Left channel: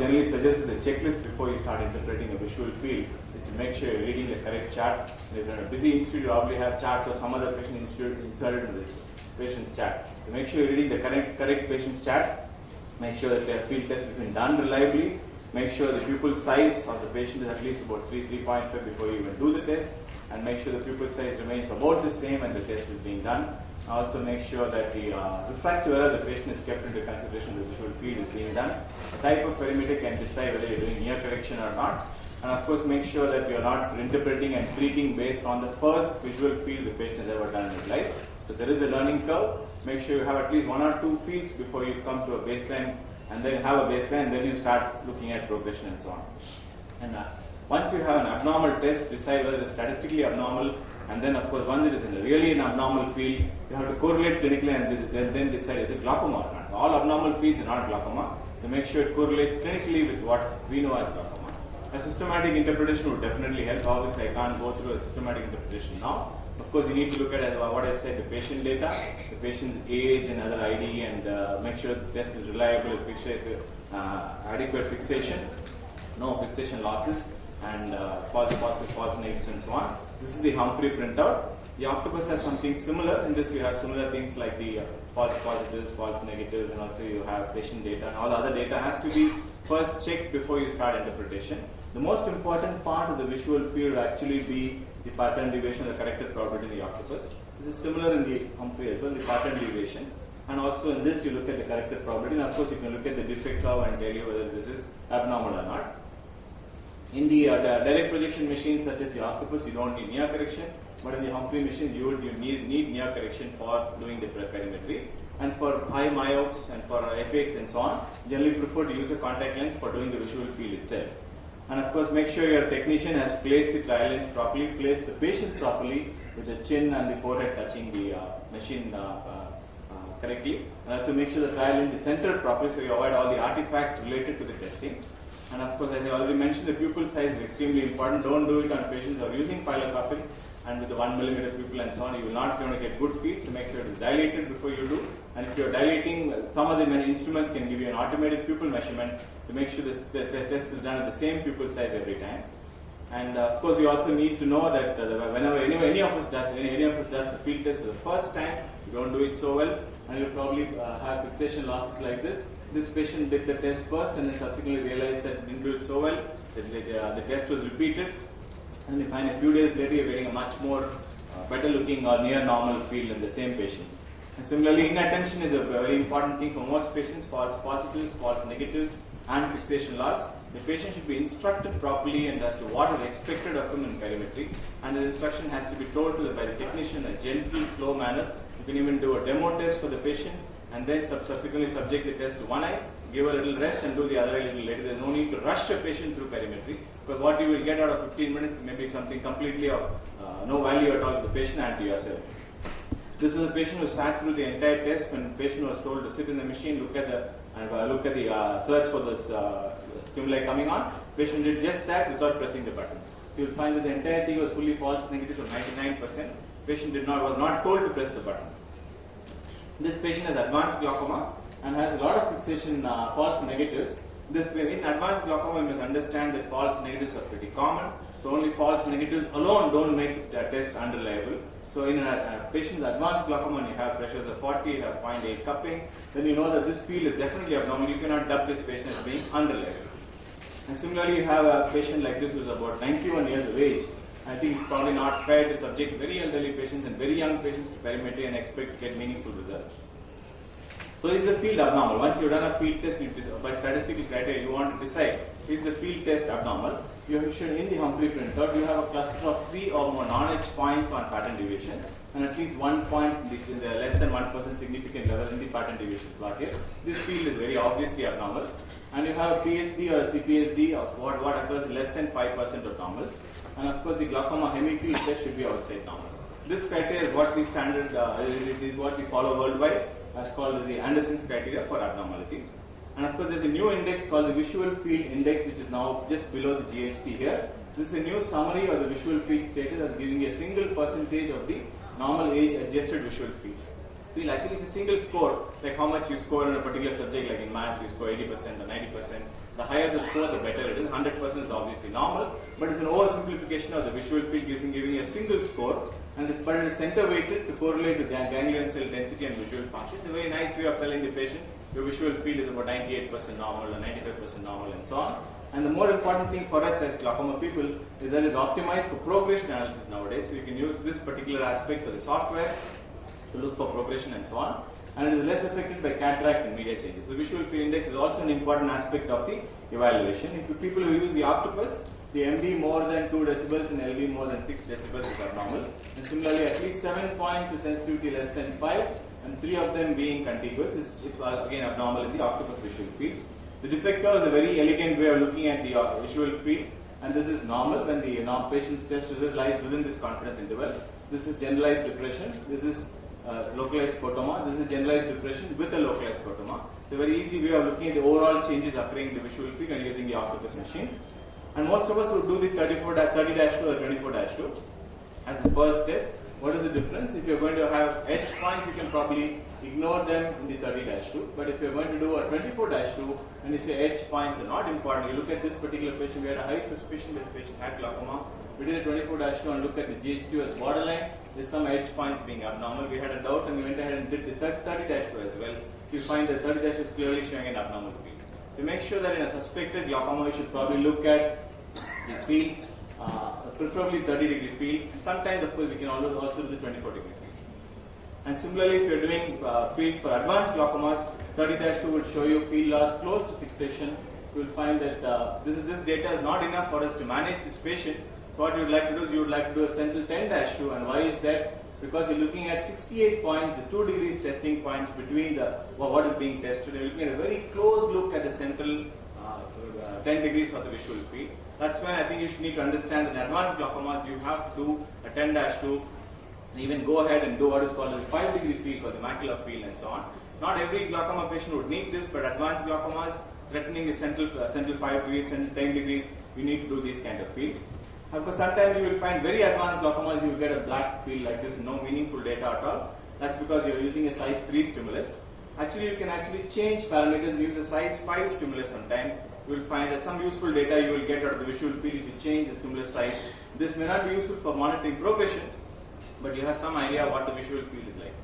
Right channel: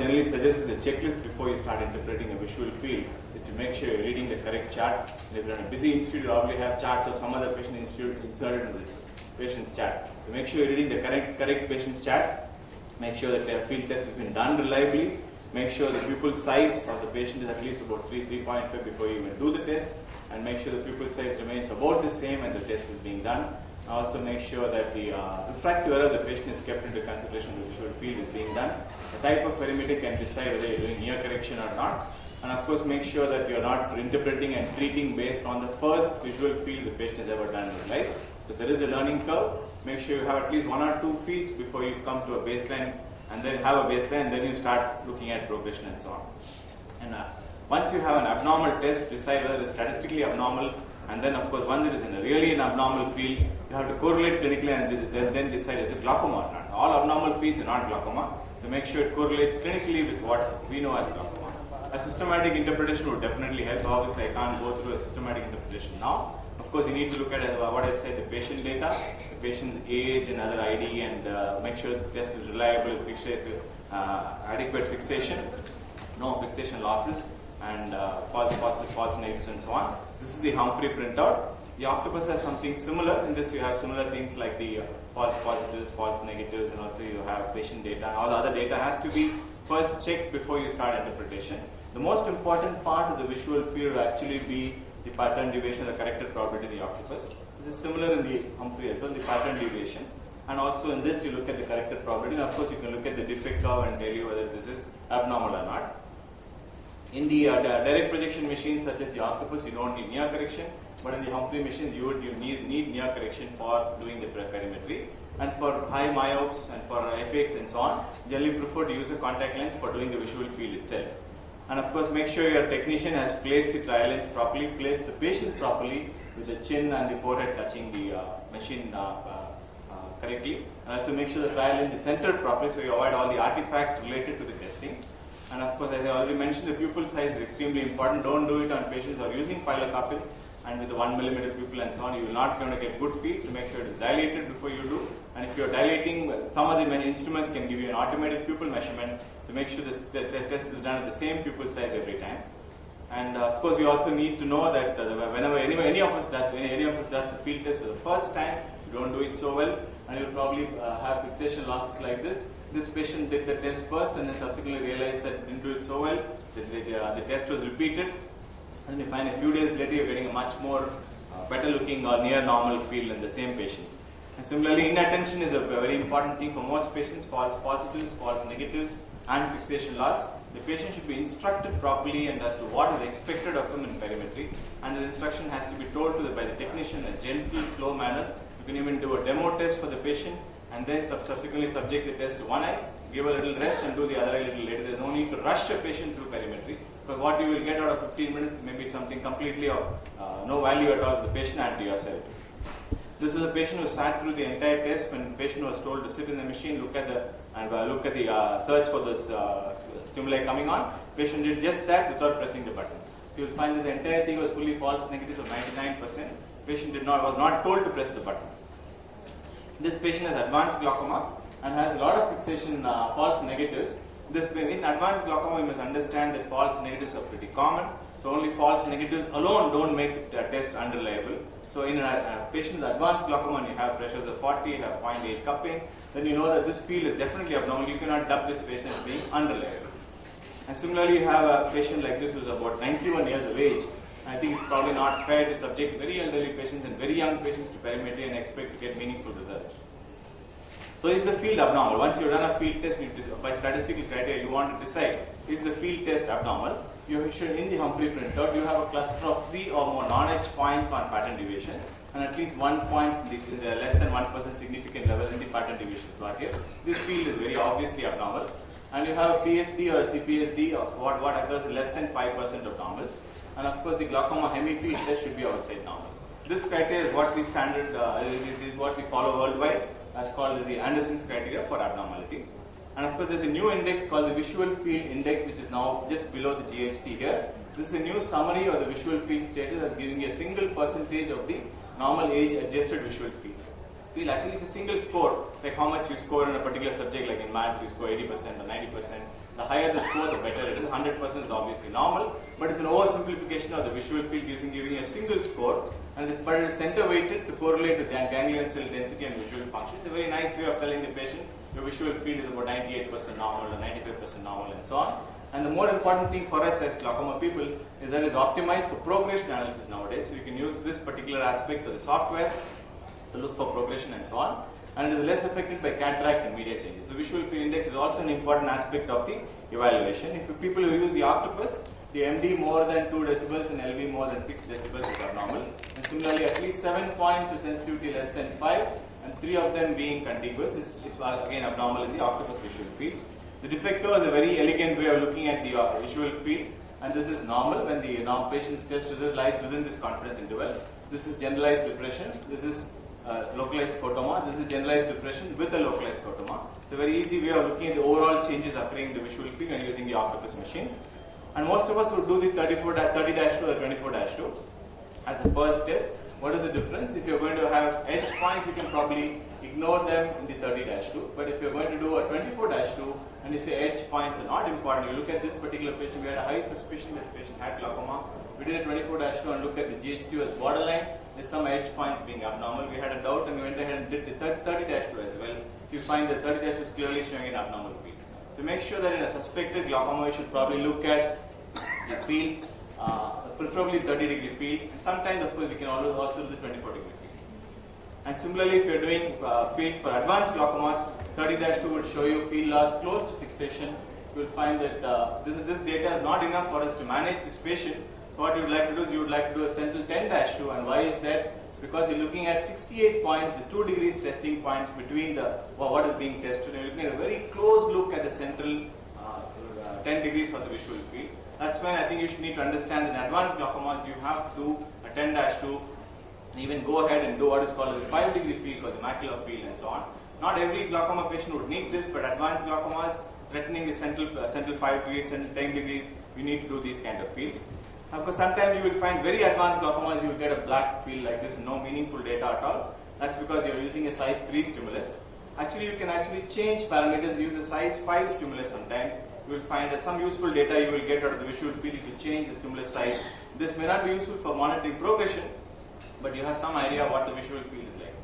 generally suggest is a checklist before you start interpreting a visual field is to make sure you're reading the correct chart. If you're in a busy institute, you probably have charts or some other patient institute inserted in the patient's chart. So make sure you're reading the correct patient's chart. Make sure that the field test has been done reliably. Make sure the pupil size of the patient is at least about 3.5 before you even do the test. And make sure the pupil size remains about the same when the test is being done. Also make sure that the refractive error of the patient is kept into consideration when the visual field is being done. The type of perimeter can decide whether you're doing near correction or not. And of course make sure that you're not interpreting and treating based on the first visual field the patient has ever done in his life. So there is a learning curve. Make sure you have at least 1 or 2 fields before you come to a baseline, and then have a baseline, and then you start looking at progression and so on. And once you have an abnormal test, decide whether it's statistically abnormal, and then of course once it is in really an abnormal field, you have to correlate clinically and then decide is it glaucoma or not. All abnormal fields are not glaucoma, so make sure it correlates clinically with what we know as glaucoma. A systematic interpretation would definitely help. Obviously I can't go through a systematic interpretation now. Of course, you need to look at what I said, the patient data, the patient's age and other ID, and make sure the test is reliable, adequate fixation, no fixation losses, and false positives, false negatives, and so on. This is the Humphrey printout. The octopus has something similar. In this, you have similar things like the false positives, false negatives, and also you have patient data. And all the other data has to be first checked before you start interpretation. The most important part of the visual field will actually be the pattern deviation or corrected probability in the octopus. This is similar in the Humphrey as well, the pattern deviation. And also in this, you look at the corrected probability. And of course, you can look at the defect curve and tell you whether this is abnormal or not. In the direct projection machines such as the octopus, you don't need near correction. But in the Humphrey machine, you need near correction for doing the perimetry. And for high myopes and for FX and so on, generally prefer to use a contact lens for doing the visual field itself. And of course, make sure your technician has placed the trial lens properly, placed the patient properly with the chin and the forehead touching the machine correctly. And also make sure the trial lens is centered properly so you avoid all the artifacts related to the testing. And of course, as I already mentioned, the pupil size is extremely important. Don't do it on patients who are using pilocarpine and with the 1 millimeter pupil and so on. You will not going to get good feed, so make sure it is dilated before you do. And if you are dilating, some of the many instruments can give you an automated pupil measurement. So make sure the test is done at the same pupil size every time. And of course, you also need to know that whenever any of us does the field test for the first time, you don't do it so well, and you'll probably have fixation losses like this. This patient did the test first and then subsequently realized that it didn't do it so well. The test was repeated, and you find a few days later you're getting a much more better looking or near normal field in the same patient. And similarly, inattention is a very important thing for most patients. False positives, false negatives, and fixation loss. The patient should be instructed properly and as to what is expected of him in perimetry, and the instruction has to be told to by the technician in a gentle, slow manner. You can even do a demo test for the patient and then subsequently subject the test to one eye, give a little rest and do the other eye a little later. There's no need to rush a patient through perimetry, because what you will get out of 15 minutes may be something completely of no value at all to the patient and to yourself. This is a patient who sat through the entire test. When the patient was told to sit in the machine, look at the search for this stimuli coming on. Patient did just that without pressing the button. You will find that the entire thing was fully false negatives of 99%. Patient was not told to press the button. This patient has advanced glaucoma and has a lot of fixation false negatives. In advanced glaucoma, you must understand that false negatives are pretty common. So only false negatives alone don't make the test unreliable. So in a patient with advanced glaucoma, and you have pressures of 40, you have 0.8 cupping, then you know that this field is definitely abnormal. You cannot dub this patient as being unreliable. And similarly, you have a patient like this who is about 91 years of age. I think it's probably not fair to subject very elderly patients and very young patients to perimetry and expect to get meaningful results. So is the field abnormal? Once you've done a field test, by statistical criteria, you want to decide, is the field test abnormal? You should, in the Humphrey printout, you have a cluster of 3 or more non-edge points on pattern deviation, and at least 1 point in the less than 1% significant level in the pattern deviation plot here. This field is very obviously abnormal. And you have a PSD or a CPSD of what occurs in less than 5% of normals. And of course, the glaucoma hemifield test should be outside normal. This criteria is what we standard, is what we follow worldwide, as called as the Anderson's criteria for abnormality. And of course, there's a new index called the Visual Field Index, which is now just below the GHT here. This is a new summary of the visual field status as giving a single percentage of the normal age adjusted visual field. Actually, it's a single score, like how much you score in a particular subject, like in maths, you score 80% or 90%. The higher the score, the better it is. 100% is obviously normal, but it's an oversimplification of the visual field giving a single score, and this part is center weighted to correlate with ganglion cell density and visual function. It's a very nice way of telling the patient your visual field is about 98% normal or 95% normal and so on. And the more important thing for us as glaucoma people is that it's optimized for progression analysis nowadays. So we can use this particular aspect of the software to look for progression and so on. And it is less affected by cataract and media changes. So visual field index is also an important aspect of the evaluation. If you people who use the octopus, the MD more than 2 decibels and LV more than 6 decibels is abnormal. And similarly, at least 7 points with sensitivity less than 5 and 3 of them being contiguous is again abnormal in the octopus visual fields. The defect curve is a very elegant way of looking at the visual field, and this is normal when the patient's test result lies within this confidence interval. This is generalized depression. This is localized scotoma. This is generalized depression with a localized scotoma. It's a very easy way of looking at the overall changes occurring in the visual field and using the octopus machine. And most of us would do the 30-2 or 24-2 as the first test. What is the difference? If you're going to have edge points, you can probably ignore them in the 30-2. But if you're going to do a 24-2 and you say edge points are not important, you look at this particular patient, we had a high suspicion that the patient had glaucoma. We did a 24-2 and looked at the GH2 as borderline. There's some edge points being abnormal. We had a doubt and we went ahead and did the 30-2 as well. You find that 30-2 is clearly showing an abnormal field. To make sure that in a suspected glaucoma, you should probably look at the fields, preferably 30-degree field. And sometimes, of course, we can also do the 24-degree field. And similarly, if you're doing fields for advanced glaucomas, 30-2 would show you field loss close to fixation. You will find that this data is not enough for us to manage this patient. So what you would like to do is you would like to do a central 10-2, and why is that? Because you're looking at 68 points, the 2 degrees testing points between what is being tested, and you're looking at a very close look at the central 10 degrees for the visual field. That's when I think you should need to understand that in advanced glaucomas you have to do a 10-2, even go ahead and do what is called a 5-degree field for the macular field and so on. Not every glaucoma patient would need this, but advanced glaucomas threatening the central 5 degrees, central 10 degrees, you need to do these kind of fields. Of course, sometimes you will find very advanced glaucomas, you will get a black field like this, no meaningful data at all. That's because you're using a size 3 stimulus. Actually, you can change parameters and use a size 5 stimulus sometimes. You will find that some useful data you will get out of the visual field if you change the stimulus size. This may not be useful for monitoring progression, but you have some idea what the visual field is like.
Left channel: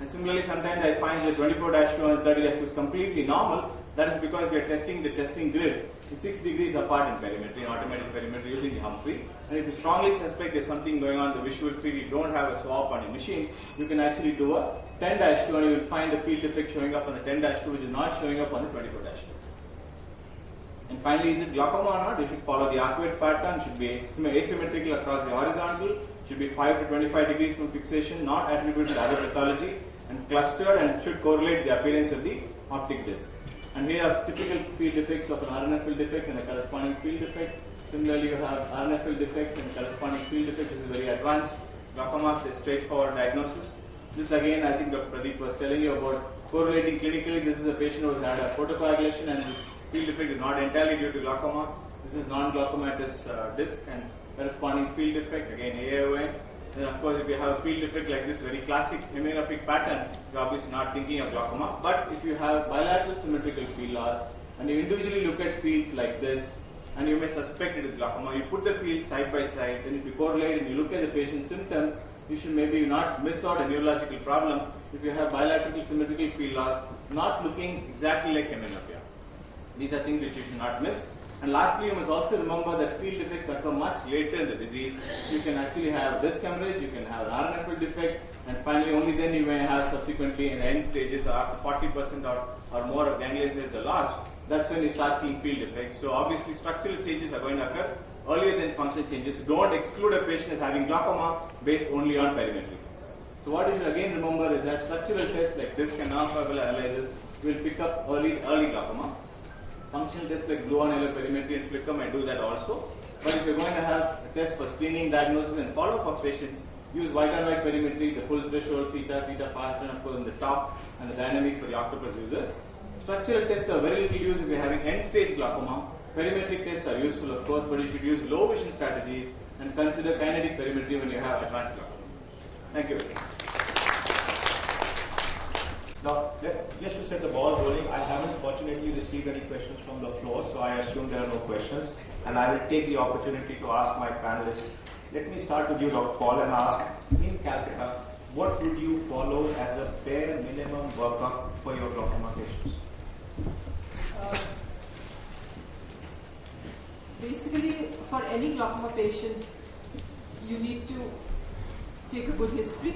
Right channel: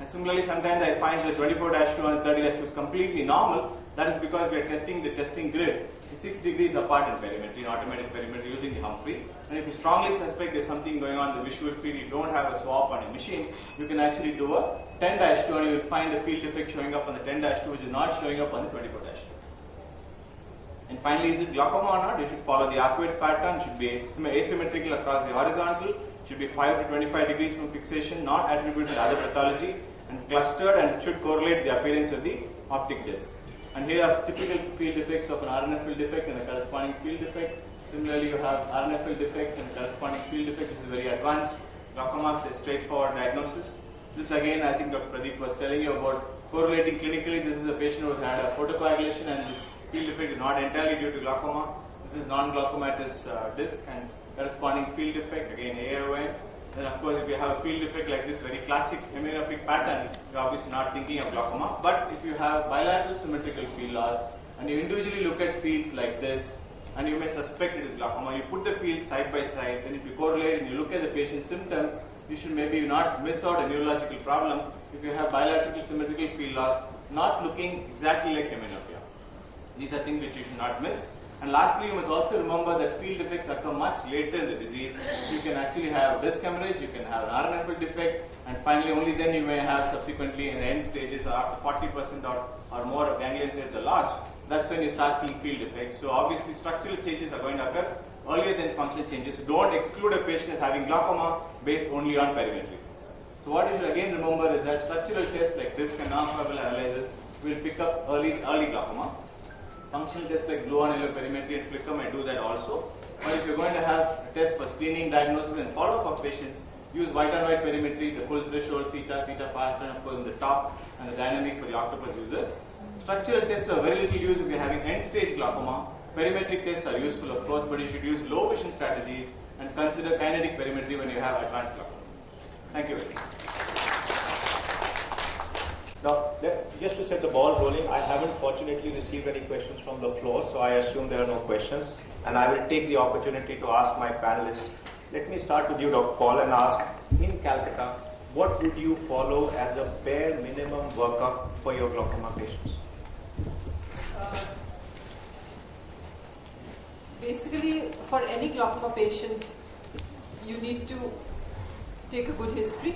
And similarly, sometimes I find the 24-2 and 30-2 is completely normal. That is because we are testing the testing grid 6 degrees apart in perimetry, in automatic perimetry using the Humphrey. And if you strongly suspect there's something going on in the visual field, you don't have a swap on your machine, you can actually do a 10-2 and you will find the field effect showing up on the 10-2 which is not showing up on the 24-2. And finally, is it glaucoma or not? You should follow the arcuate pattern, should be asymmetrical across the horizontal, should be 5 to 25 degrees from fixation, not attributed to other pathology, and clustered, and should correlate the appearance of the optic disc. And here are typical field defects of an RNF field defect and a corresponding field defect. Similarly, you have RNF field defects and corresponding field defect. This is very advanced glaucoma, a straightforward diagnosis. This again, I think Dr. Pradeep was telling you about correlating clinically. This is a patient who has had a photocoagulation and this field defect is not entirely due to glaucoma. This is non-glaucomatous disc and corresponding field defect, again AIOC. Then of course if you have a field defect like this, very classic hemianoptic pattern, you're obviously not thinking of glaucoma. But if you have bilateral symmetrical field loss and you individually look at fields like this and you may suspect it is glaucoma, you put the fields side by side, and if you correlate and you look at the patient's symptoms, you should maybe not miss out a neurological problem if you have bilateral symmetrical field loss not looking exactly like hemianopia. These are things which you should not miss. And lastly, you must also remember that field defects occur much later in the disease. You can actually have disc hemorrhage, you can have an RNF field defect, and finally only then you may have subsequently in the end stages or after 40% or more of ganglion cells are large. That's when you start seeing field defects. So obviously structural changes are going to occur earlier than functional changes. So don't exclude a patient as having glaucoma based only on perimetry. So what you should again remember is that structural tests like disc and non-fibril analysis will pick up early glaucoma. Functional tests like blue on yellow perimetry and flicker may do that also. But if you're going to have a test for screening, diagnosis and follow-up of patients, use white on white perimetry, the full threshold, theta fast, and of course in the top, and the dynamic for the octopus users. Structural tests are very little used if you're having end-stage glaucoma. Perimetric tests are useful of course, but you should use low vision strategies and consider kinetic perimetry when you have advanced glaucomas. Thank you very much. Now, just to set the ball rolling, I haven't fortunately received any questions from the floor, so I assume there are no questions. And I will take the opportunity to ask my panelists. Let me start with you, Dr. Paul, and ask, in Calcutta, what would you follow as a bare minimum workup for your glaucoma patients? Basically, for any glaucoma patient, you need to take a good history,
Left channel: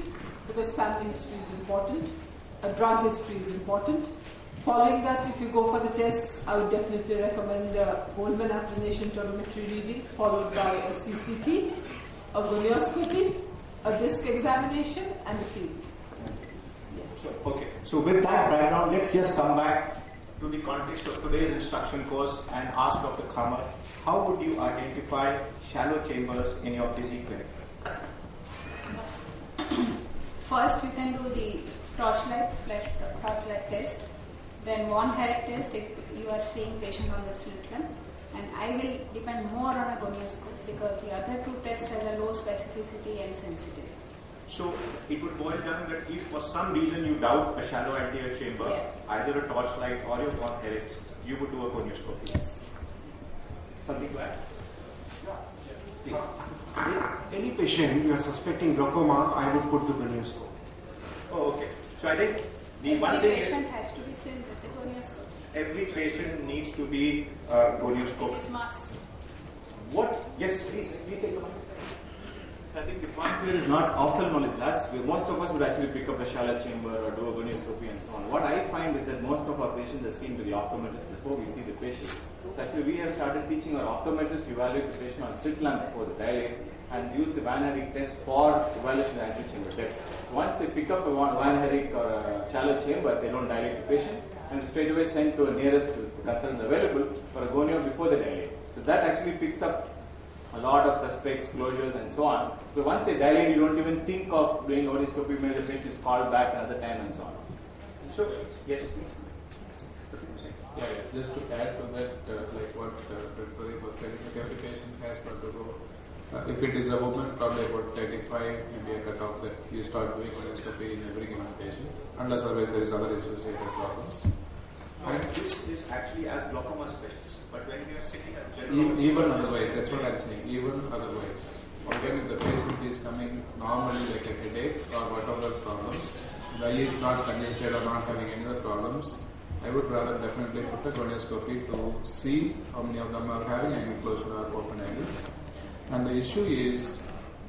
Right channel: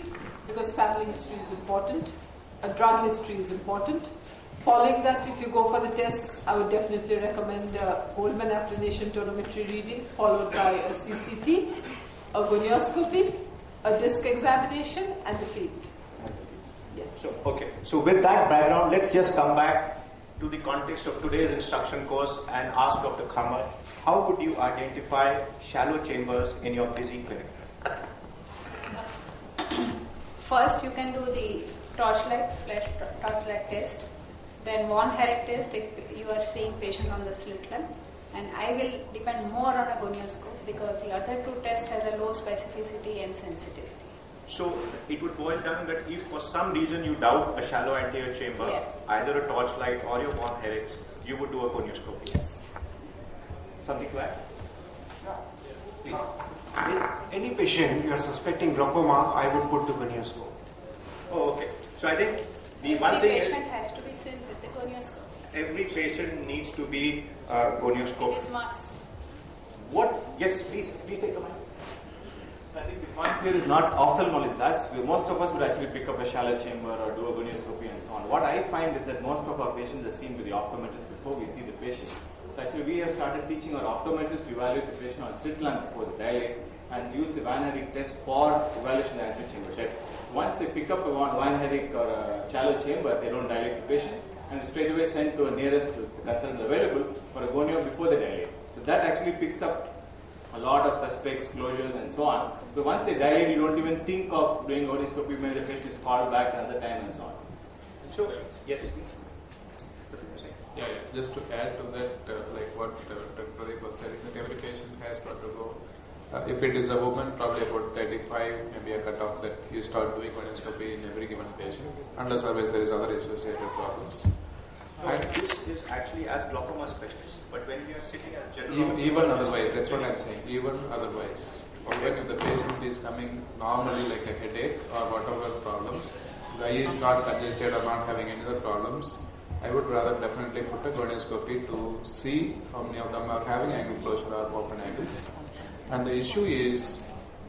because family history is important. A drug history is important. Following that, if you go for the tests, I would definitely recommend a Goldman applanation tonometry reading, followed by a CCT, a gonioscopy, a disc examination, and a field. Yes. So with that background, let's just come back to the context of today's instruction course and ask Dr. Khamar, how would you identify shallow chambers in your busy clinic? First, you can do the torchlight test, then Von Herrick test if you are seeing patient on the slit lamp, and I will depend more on a gonioscope because the other two tests have a low specificity and sensitivity. So it would boil down that if for some reason you doubt a shallow anterior chamber, either a torchlight or your Von Herrick's, you would do a gonioscopy. Yes. Something to add? Any patient you are suspecting glaucoma, I would put the gonioscope. Oh, okay. So I think the one thing is... Every patient has to be seen with the gonioscope. Every patient needs to be gonioscope. It is must. What? Yes, please take the mic. I think the point here is not ophthalmologists. Most of us would actually pick up a shallow chamber or do a gonioscopy and so on. What I find is that most of our patients are seen to the optometrist before we see the patient. So actually we have started teaching our optometrists to evaluate the patient on slit lamp before the dilate and use the Van Herrick test for evaluation of the anterior chamber depth. Once they pick up a Van Herrick or a shallow chamber, they don't dilate the patient and straight away sent to a nearest consultant available for a gonio before the dilate. So that actually picks up a lot of suspects, closures and so on. So once they dilate, you don't even think of doing gonioscopy, maybe the patient is called back another time and so on. So, yes, please. Yeah, just to add to that, like what Dr. Pradeep was telling, every patient has got to go. If it is a woman, probably about 35, maybe a cutoff that you start doing gonioscopy in every given patient, unless otherwise there is other associated problems. No, this is actually as glaucoma specialist, but when we are sitting as general... Even otherwise, that's what I'm saying, even otherwise. Even if the patient is coming normally like a headache or whatever problems, the eye is not congested or not having any other problems, I would rather definitely put a gonioscopy to see how many of them are having angle closure or open angles. And the issue is,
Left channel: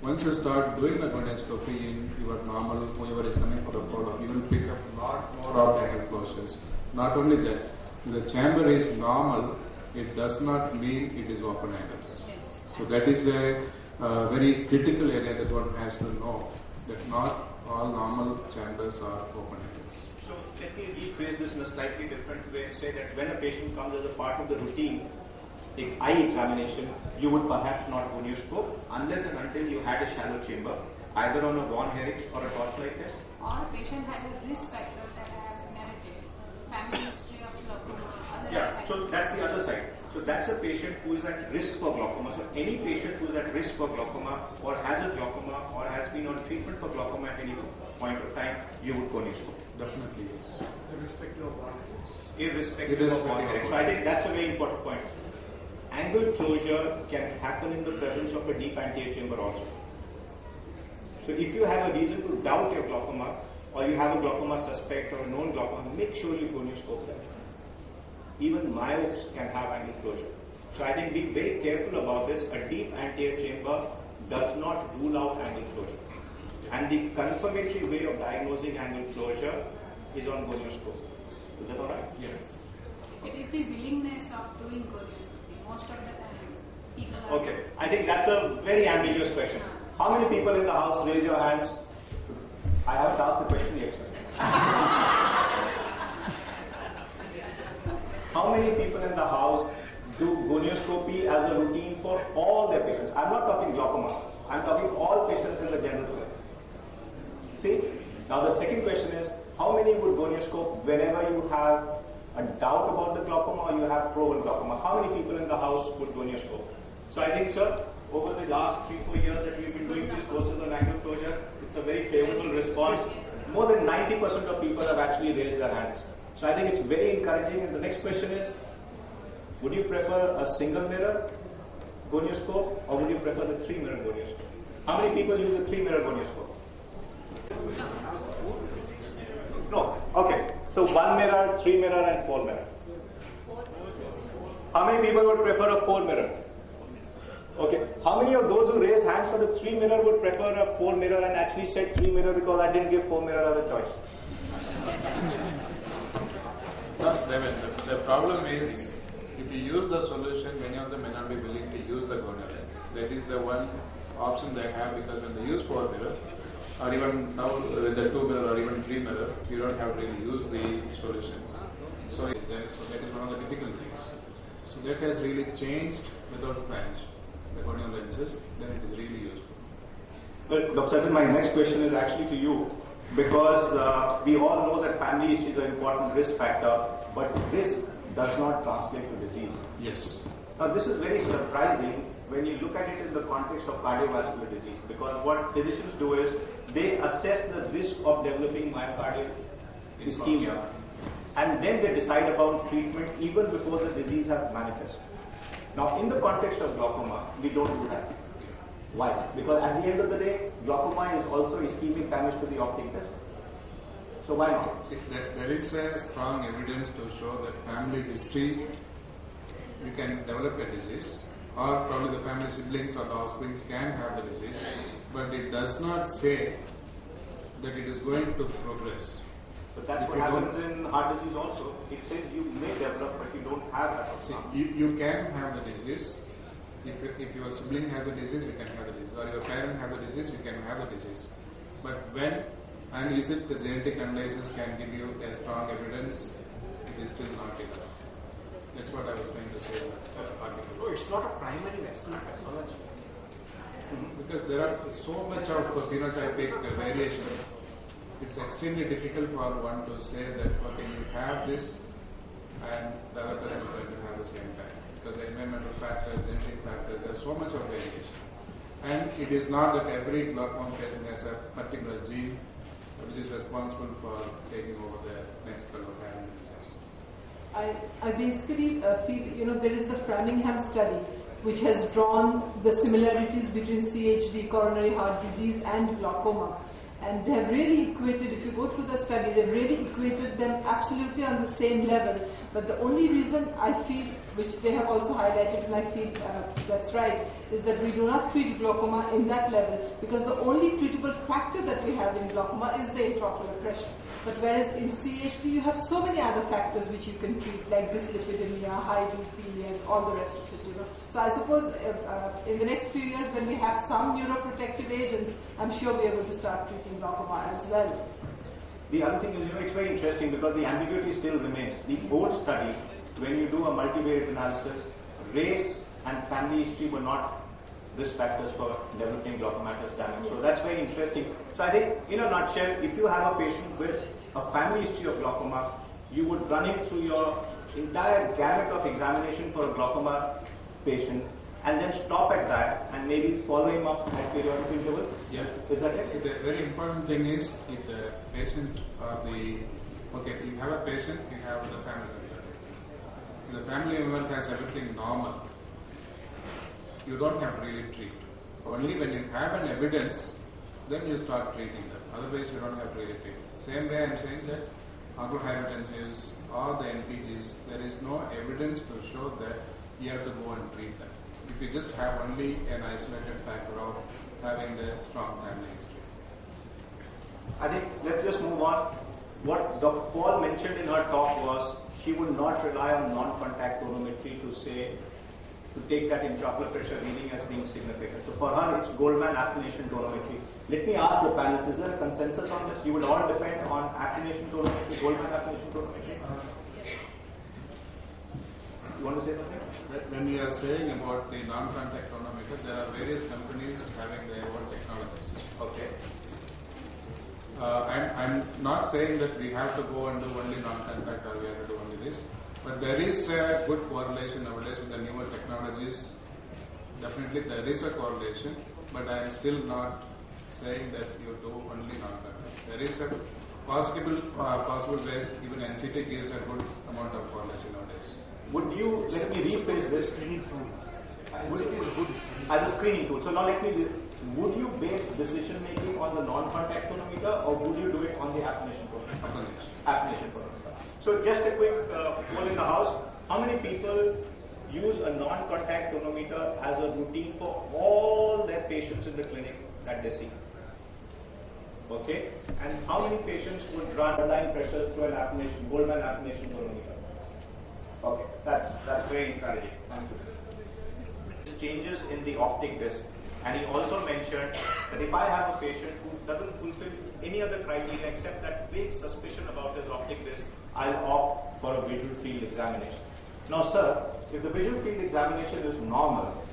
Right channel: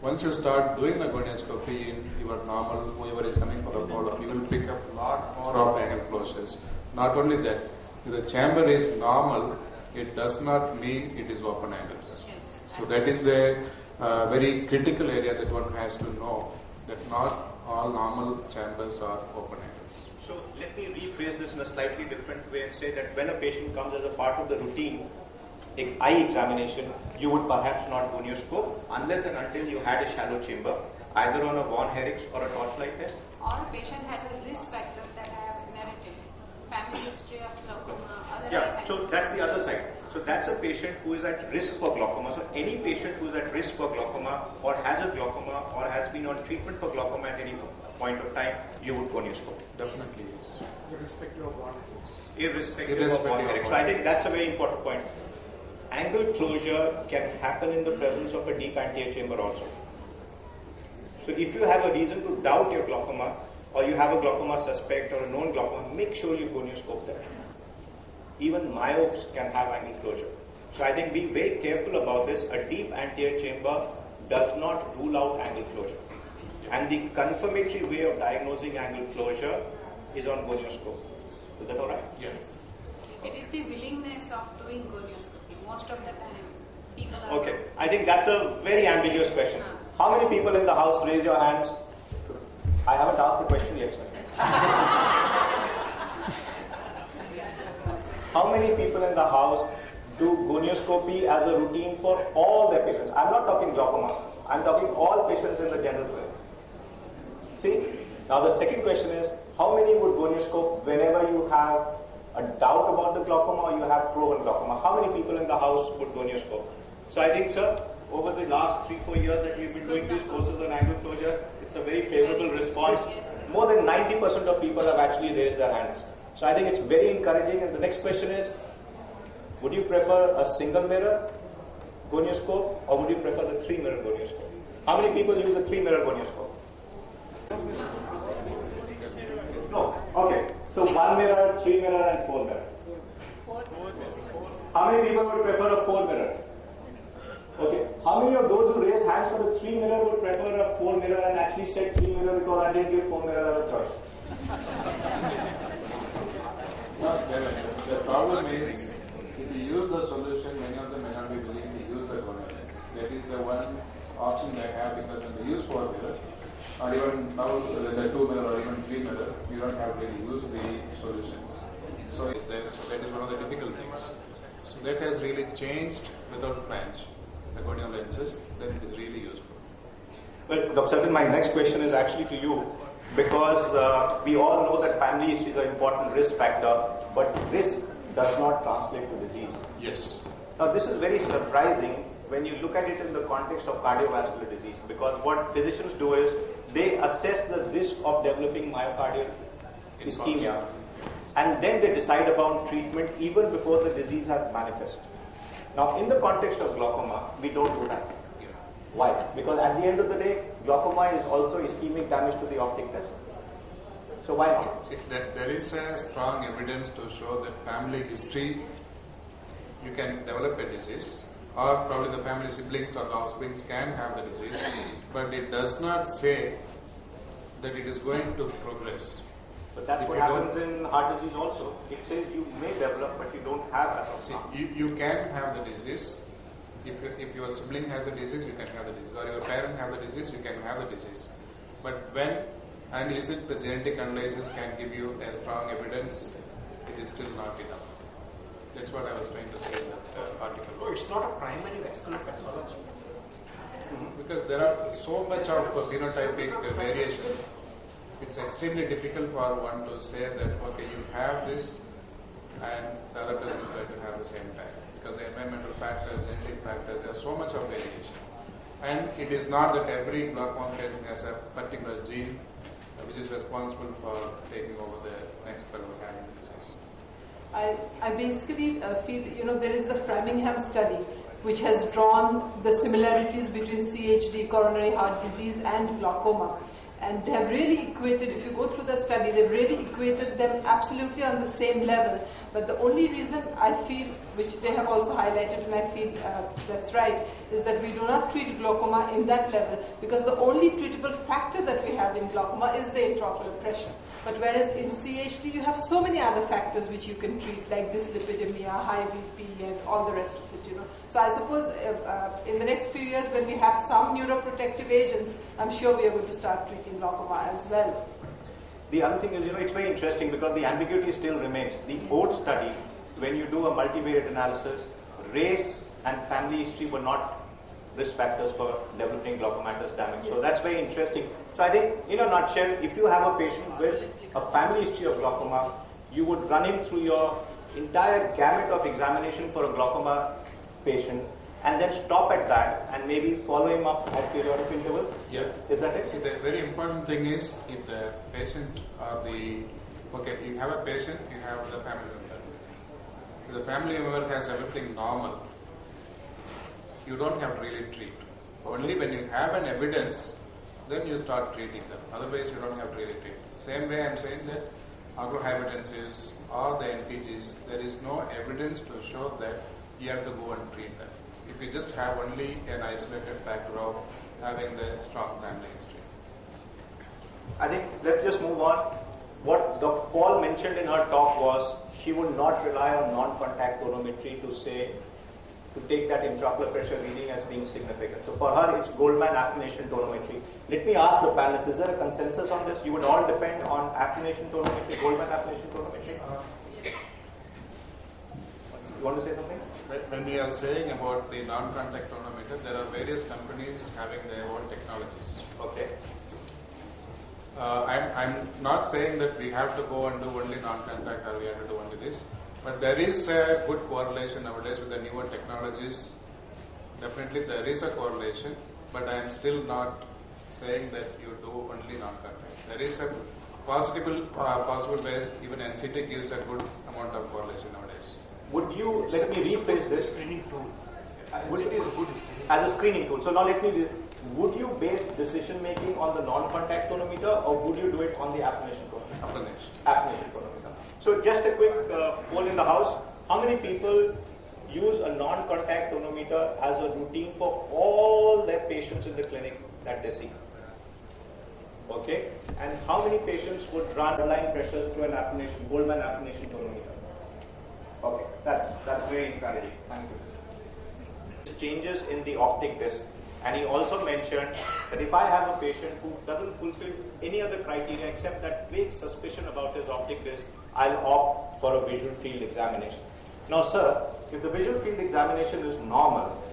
once you start doing a gonioscopy in your normal, whoever is coming for a follow-up, you will pick up a lot more of angle closures. Not only that, if the chamber is normal, it does not mean it is open angles. Yes. So that is the very critical area that one has to know, that not all normal chambers are open angles. So let me rephrase this in a slightly different way and say that when a patient comes as a part of the routine eye examination, you would perhaps not gonioscope unless and until you had a shallow chamber, either on a Von Herrick's or a torchlight test. Or a patient has a risk factor that I have inherited, family history of glaucoma, other Yeah, so that's the other side. So that's a patient who is at risk for glaucoma. So any patient who is at risk for glaucoma or has a glaucoma or has been on treatment for glaucoma at any point of time, you would gonioscope. Definitely yes. Irrespective of Von Herrick's. Irrespective of Von Herrick. So I think that's a very important point. Angle closure can happen in the presence of a deep anterior chamber also. So if you have a reason to doubt your glaucoma or you have a glaucoma suspect or a known glaucoma, make sure you gonioscope that. Even myopes can have angle closure. So I think be very careful about this. A deep anterior chamber does not rule out angle closure. And the confirmatory way of diagnosing angle closure is on gonioscope. Is that alright? Yes. It is the willingness of doing gonioscopy. Most of the time, people are... Okay, I think that's a very ambiguous question. How many people in the house, raise your hands? I haven't asked the question yet, sir. How many people in the house do gonioscopy as a routine for all their patients? I'm not talking glaucoma. I'm talking all patients in the general clinic. See? Now the second question is, how many would gonioscope whenever you have a doubt about the glaucoma or you have proven glaucoma? How many people in the house would gonioscope? So I think, sir, over the last 3-4 years that we've been doing these courses on angle closure, it's a very favorable response. more than 90% of people have actually raised their hands. So I think it's very encouraging. And the next question is, would you prefer a single mirror gonioscope or would you prefer the 3-mirror gonioscope? How many people use the 3-mirror gonioscope? No. Okay. So 1 mirror, 3 mirror and 4 mirror. How many people would prefer a 4 mirror? Okay. How many of those who raised hands for the 3 mirror would prefer a 4 mirror and actually said 3 mirror because I didn't give 4 mirror as a choice? The problem is, if you use the solution, many of them may not be willing to use the gonal lens. That is the one option they have, because when they use 4 mirror, or even now with the 2 mirror or even 3 mirror, you don't have to really use the solutions. So that is one of the difficult things. So that has really changed without flange. The gonal lenses, then it is really useful. Well, Dr. Satin, my next question is actually to you, because we all know that family history is an important risk factor, but risk does not translate to disease. Yes. Now, this is very surprising when you look at it in the context of cardiovascular disease, because what physicians do is they assess the risk of developing myocardial ischemia, and then they decide about treatment even before the disease has manifested. Now, in the context of glaucoma, we don't do that. Why? Because at the end of the day, glaucoma is also ischemic damage to the optic disc. So why not? See, there is a strong evidence to show that family history, you can develop a disease, or probably the family siblings or the offsprings can have the disease, but it does not say that it is going to progress. But that's what happens in heart disease also. It says you may develop, but you don't have that. See, you can have the disease. If your sibling has the disease, you can have the disease. Or your parent has the disease, you can have the disease. But when, and is it the genetic analysis can give you a strong evidence, it is still not enough. That's what I was trying to say in that article. No, it's not a primary vascular pathology. Because there are so much of phenotypic variation. It's extremely difficult for one to say that, okay, you have this and the other person is going to have the same time. Because the environmental factors, genetic factors, there's so much of variation. And it is not that every glaucoma patient has a particular gene which is responsible for taking over the next level of having disease. I basically feel, there is the Framingham study which has drawn the similarities between CHD, coronary heart disease, and glaucoma. And they have really equated, if you go through that study, they've really equated them absolutely on the same level. But the only reason I feel, which they have also highlighted, and I feel that's right, is that we do not treat glaucoma in that level, because the only treatable factor that we have in glaucoma is the intraocular pressure. But whereas in CHD, you have so many other factors which you can treat, like dyslipidemia, high BP, and all the rest of it. So I suppose in the next few years, when we have some neuroprotective agents, I'm sure we are going to start treating glaucoma as well. The other thing is, it's very interesting because the ambiguity still remains. The old study, when you do a multivariate analysis, race and family history were not risk factors for developing glaucomatous damage. So that's very interesting. So I think, in a nutshell, if you have a patient with a family history of glaucoma, you would run him through your entire gamut of examination for a glaucoma patient, and then stop at that and maybe follow him up at periodic intervals? Yeah. Is that it? See, the very important thing is, if the patient or you have a patient, you have the family member. If the family member has everything normal, you don't have to really treat. Only when you have an evidence, then you start treating them. Otherwise, you don't have to really treat. Same way I'm saying that oculohypertensives or the NPGs, there is no evidence to show that you have to go and treat them. If you just have only an isolated factor of having the strong family history. I think let's just move on. What Dr. Paul mentioned in her talk was she would not rely on non-contact tonometry to take that intraocular pressure reading as being significant. So for her, it's Goldman affinitation tonometry. Let me ask the panelists, is there a consensus on this? You would all depend on affinitation tonometry, Goldman affinitation tonometry? You want to say something? When we are saying about the non-contact tonometer, there are various companies having their own technologies. Okay. I'm not saying that we have to go and do only non-contact or we have to do only this, but there is a good correlation nowadays with the newer technologies. Definitely there is a correlation, but I am still not saying that you do only non-contact. There is a possible ways, even NCT gives a good amount of correlation nowadays. Would you, let me rephrase this. Screening tool. Would it is good as a screening tool. So now let me, would you base decision making on the non-contact tonometer or would you do it on the apnation tonometer? Apnation tonometer. So just a quick poll in the house. How many people use a non-contact tonometer as a routine for all their patients in the clinic that they see? Okay. And how many patients would run underlying pressures through an apnation, Goldman apnation tonometer? Okay. That's very encouraging. Thank you. Changes in the optic disc, and he also mentioned that if I have a patient who doesn't fulfill any other criteria except that vague suspicion about his optic disc, I'll opt for a visual field examination. Now, sir, if the visual field examination is normal,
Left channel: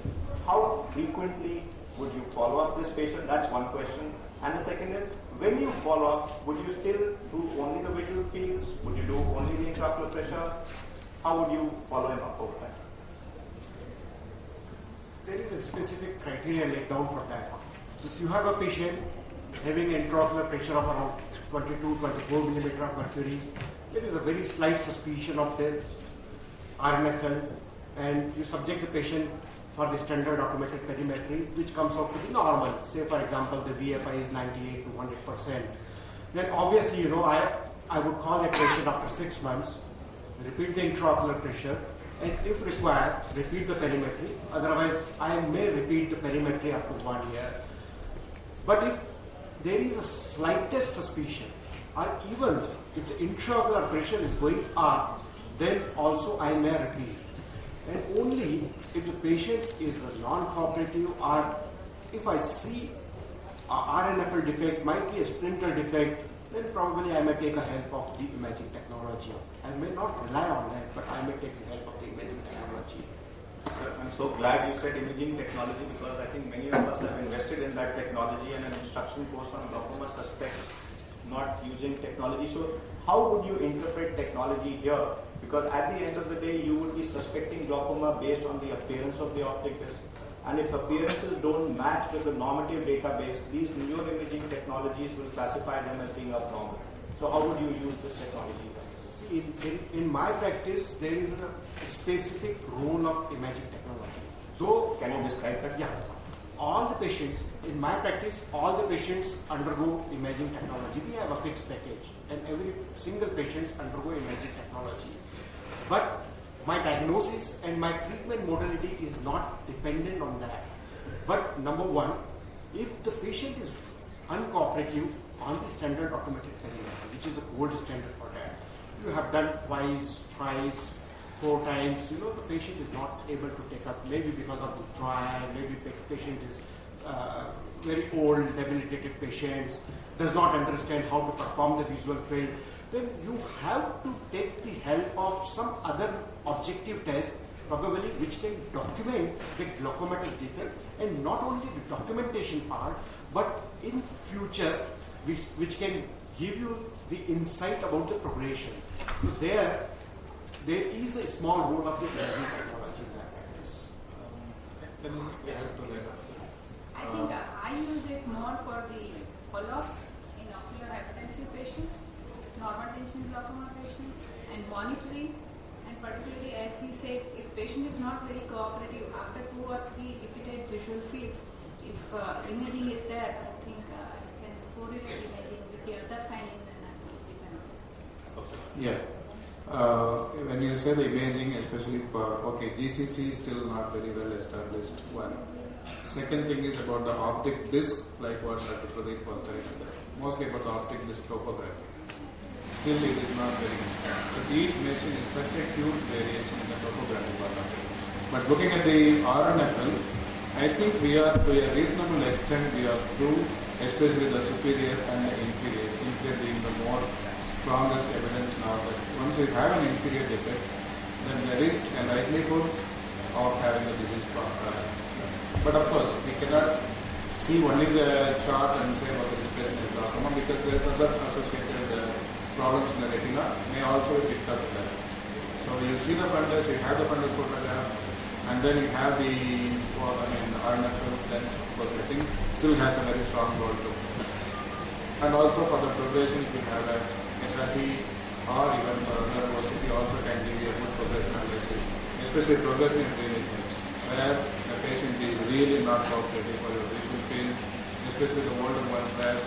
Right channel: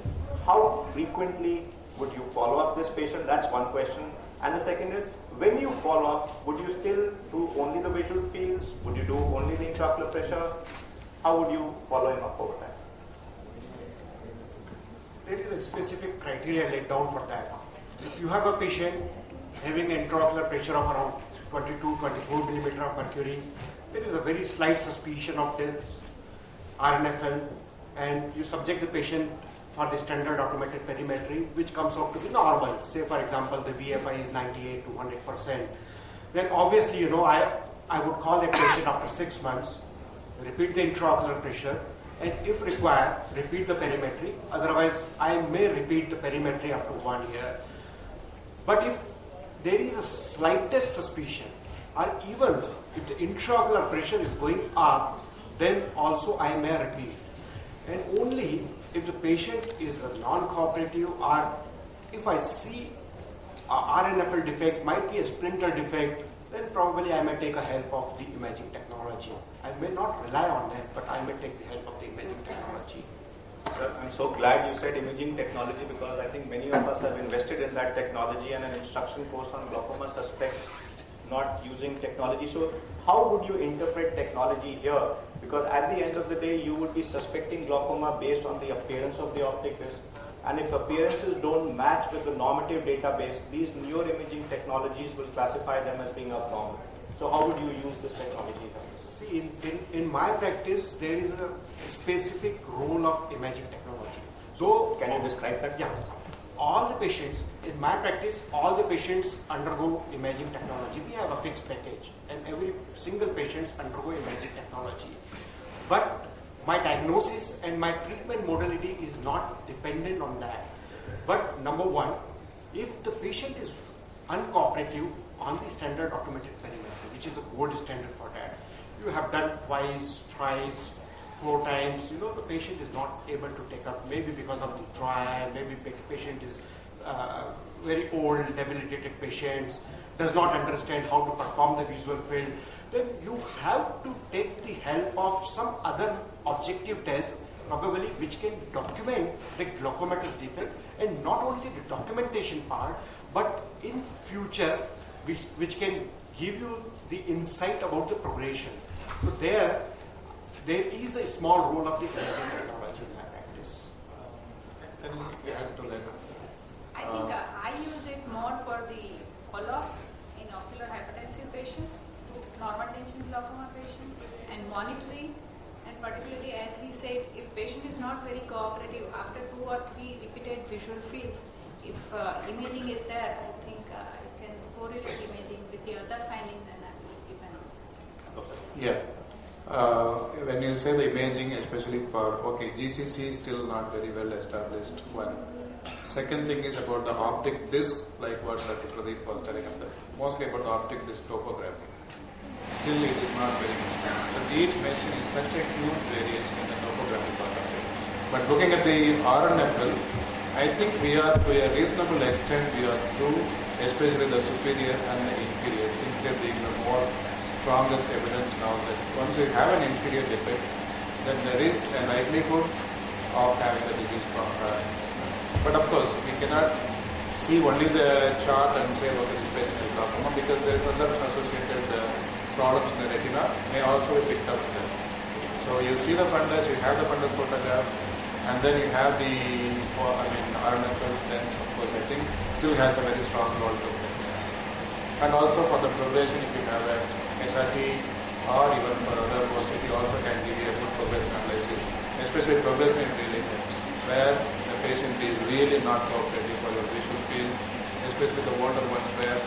how frequently would you follow up this patient? That's one question. And the second is, when you follow up, would you still do only the visual fields? Would you do only the intraocular pressure? How would you follow him up over time? There is a specific criteria laid down for that. If you have a patient having intraocular pressure of around 22-24 millimeter of mercury, there is a very slight suspicion of the RNFL, and you subject the patient for the standard automated perimetry, which comes out to be normal. Say, for example, the VFI is 98 to 100%. Then obviously, I would call that patient after 6 months, repeat the intraocular pressure, and if required, repeat the perimetry. Otherwise, I may repeat the perimetry after 1 year. But if there is a slightest suspicion, or even if the intraocular pressure is going up, then also I may repeat. And only if the patient is a non-cooperative, or if I see a RNFL defect, might be a splinter defect, then probably I may take a help of the imaging technology. I may not rely on that, but I may take the help of the imaging technology. Sir, I'm so glad you said imaging technology, because I think many of us have invested in that technology, and an instruction course on glaucoma suspects not using technology. So how would you interpret technology here? Because at the end of the day, you would be suspecting glaucoma based on the appearance of the optic disc. And if appearances don't match with the normative database, these neuroimaging technologies will classify them as being abnormal. So how would you use this technology? See, in my practice, there is a specific role of imaging technology. So, can you describe that? Yeah. All the patients, in my practice, all the patients undergo imaging technology. We have a fixed package, and every single patient undergo imaging technology. But my diagnosis and my treatment modality is not dependent on that. But number one, if the patient is uncooperative on the standard automated perimetry, which is a gold standard for that, you have done twice, thrice, 4 times, the patient is not able to take up, maybe because of the trial, maybe the patient is very old, debilitated patients, does not understand how to perform the visual field, then you have to take the help of some other objective test, probably which can document the glaucomatous defect, and not only the documentation part, but in future, which can give you the insight about the progression. So there is a small role of the imaging technology in my practice. I think I use it more for the follow-ups in ocular hypertensive patients, normal tension glaucoma patients, and monitoring. And particularly, as he said, if patient is not very cooperative after 2 or 3 repeated visual fields, if imaging is there, I think you can correlate imaging with the other findings, and that will depend on it. Yeah. When you say the imaging, especially for, GCC is still not very well established. One. Second thing is about the optic disc, like what Dr. Pradeep was telling us, mostly about the optic disc topography. Still it is not very good. But each machine is such a huge variation in the topography part of it. But looking at the RNFL, I think we are, to a reasonable extent, we are through, especially the superior and the inferior. Inferior being the more strongest evidence now that once you have an inferior defect, then there is a likelihood of having the disease process. But of course, we cannot see only the chart and say, this patient is glaucoma, because there is other associated problems in the retina may also be picked up there. So you see the fundus, you have the fundus photograph, and then you have the RNFL, then of course I think still has a very strong role to play. And also for the progression, if you have a SRT or even for other OCT, also can give you a good progression analysis, especially progression in breathing times, where the patient is really not cooperative for your visual fields, especially the older ones where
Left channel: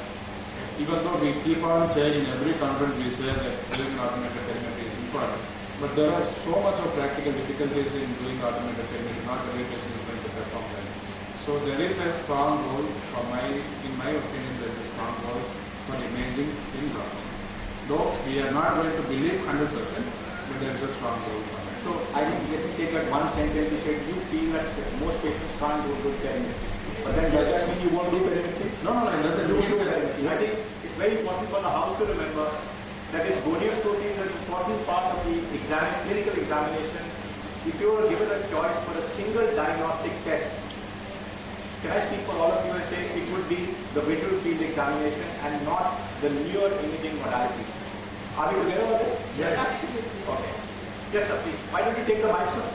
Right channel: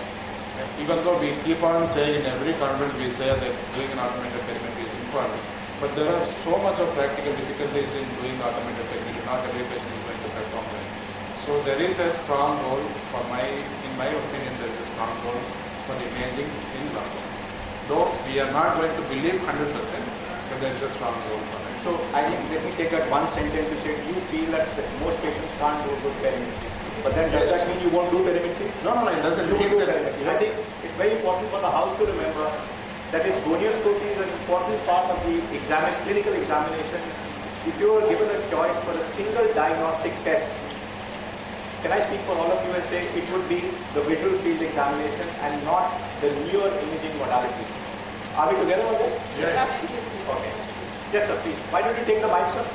even though we keep on saying in every conference we say that doing an automated perimetry is important, but there are so much of practical difficulties in doing automated perimetry. Not every patient is going to perform that. So there is a strong role in my opinion, there is a strong role for imaging in glaucoma. Though we are not going to believe 100%, but there is a strong role for it. So I think let me take that one sentence which said you feel that most patients can't do good perimetry. But then does that mean you won't do perimetry? No, it doesn't. You will do perimetry. I think it's very important for the house to remember that if gonioscopy is an important part of the clinical examination, if you are given a choice for a single diagnostic test, can I speak for all of you and say it would be the visual field examination and not the newer imaging modality? Are we together with this? Yes. Absolutely. Okay. Yes, sir, please. Why don't you take the mic, sir?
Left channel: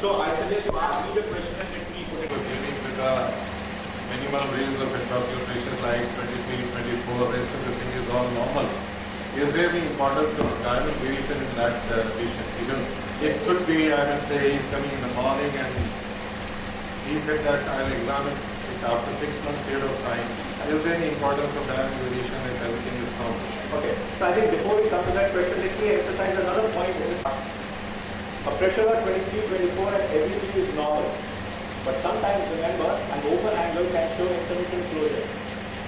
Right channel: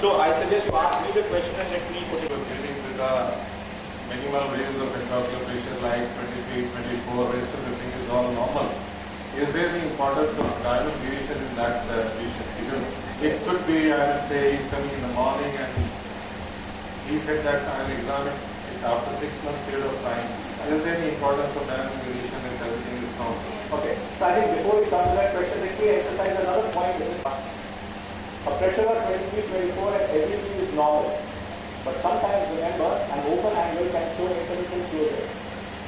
So I suggest you ask me the question and let me put it. Beginning with the minimal range of intraocular like 23, 24, rest of the thing is all normal. Is there the importance of diurnal deviation in that patient? Because it could be, I would say, he's coming in the morning and he said that I'll examine it after 6 months period of time. Is there any importance of diurnal deviation if everything is normal? Okay, so I think before we come to that question, let me emphasize another point. A pressure of 23, 24 and everything is normal. But sometimes remember, an open angle can show intermittent closure.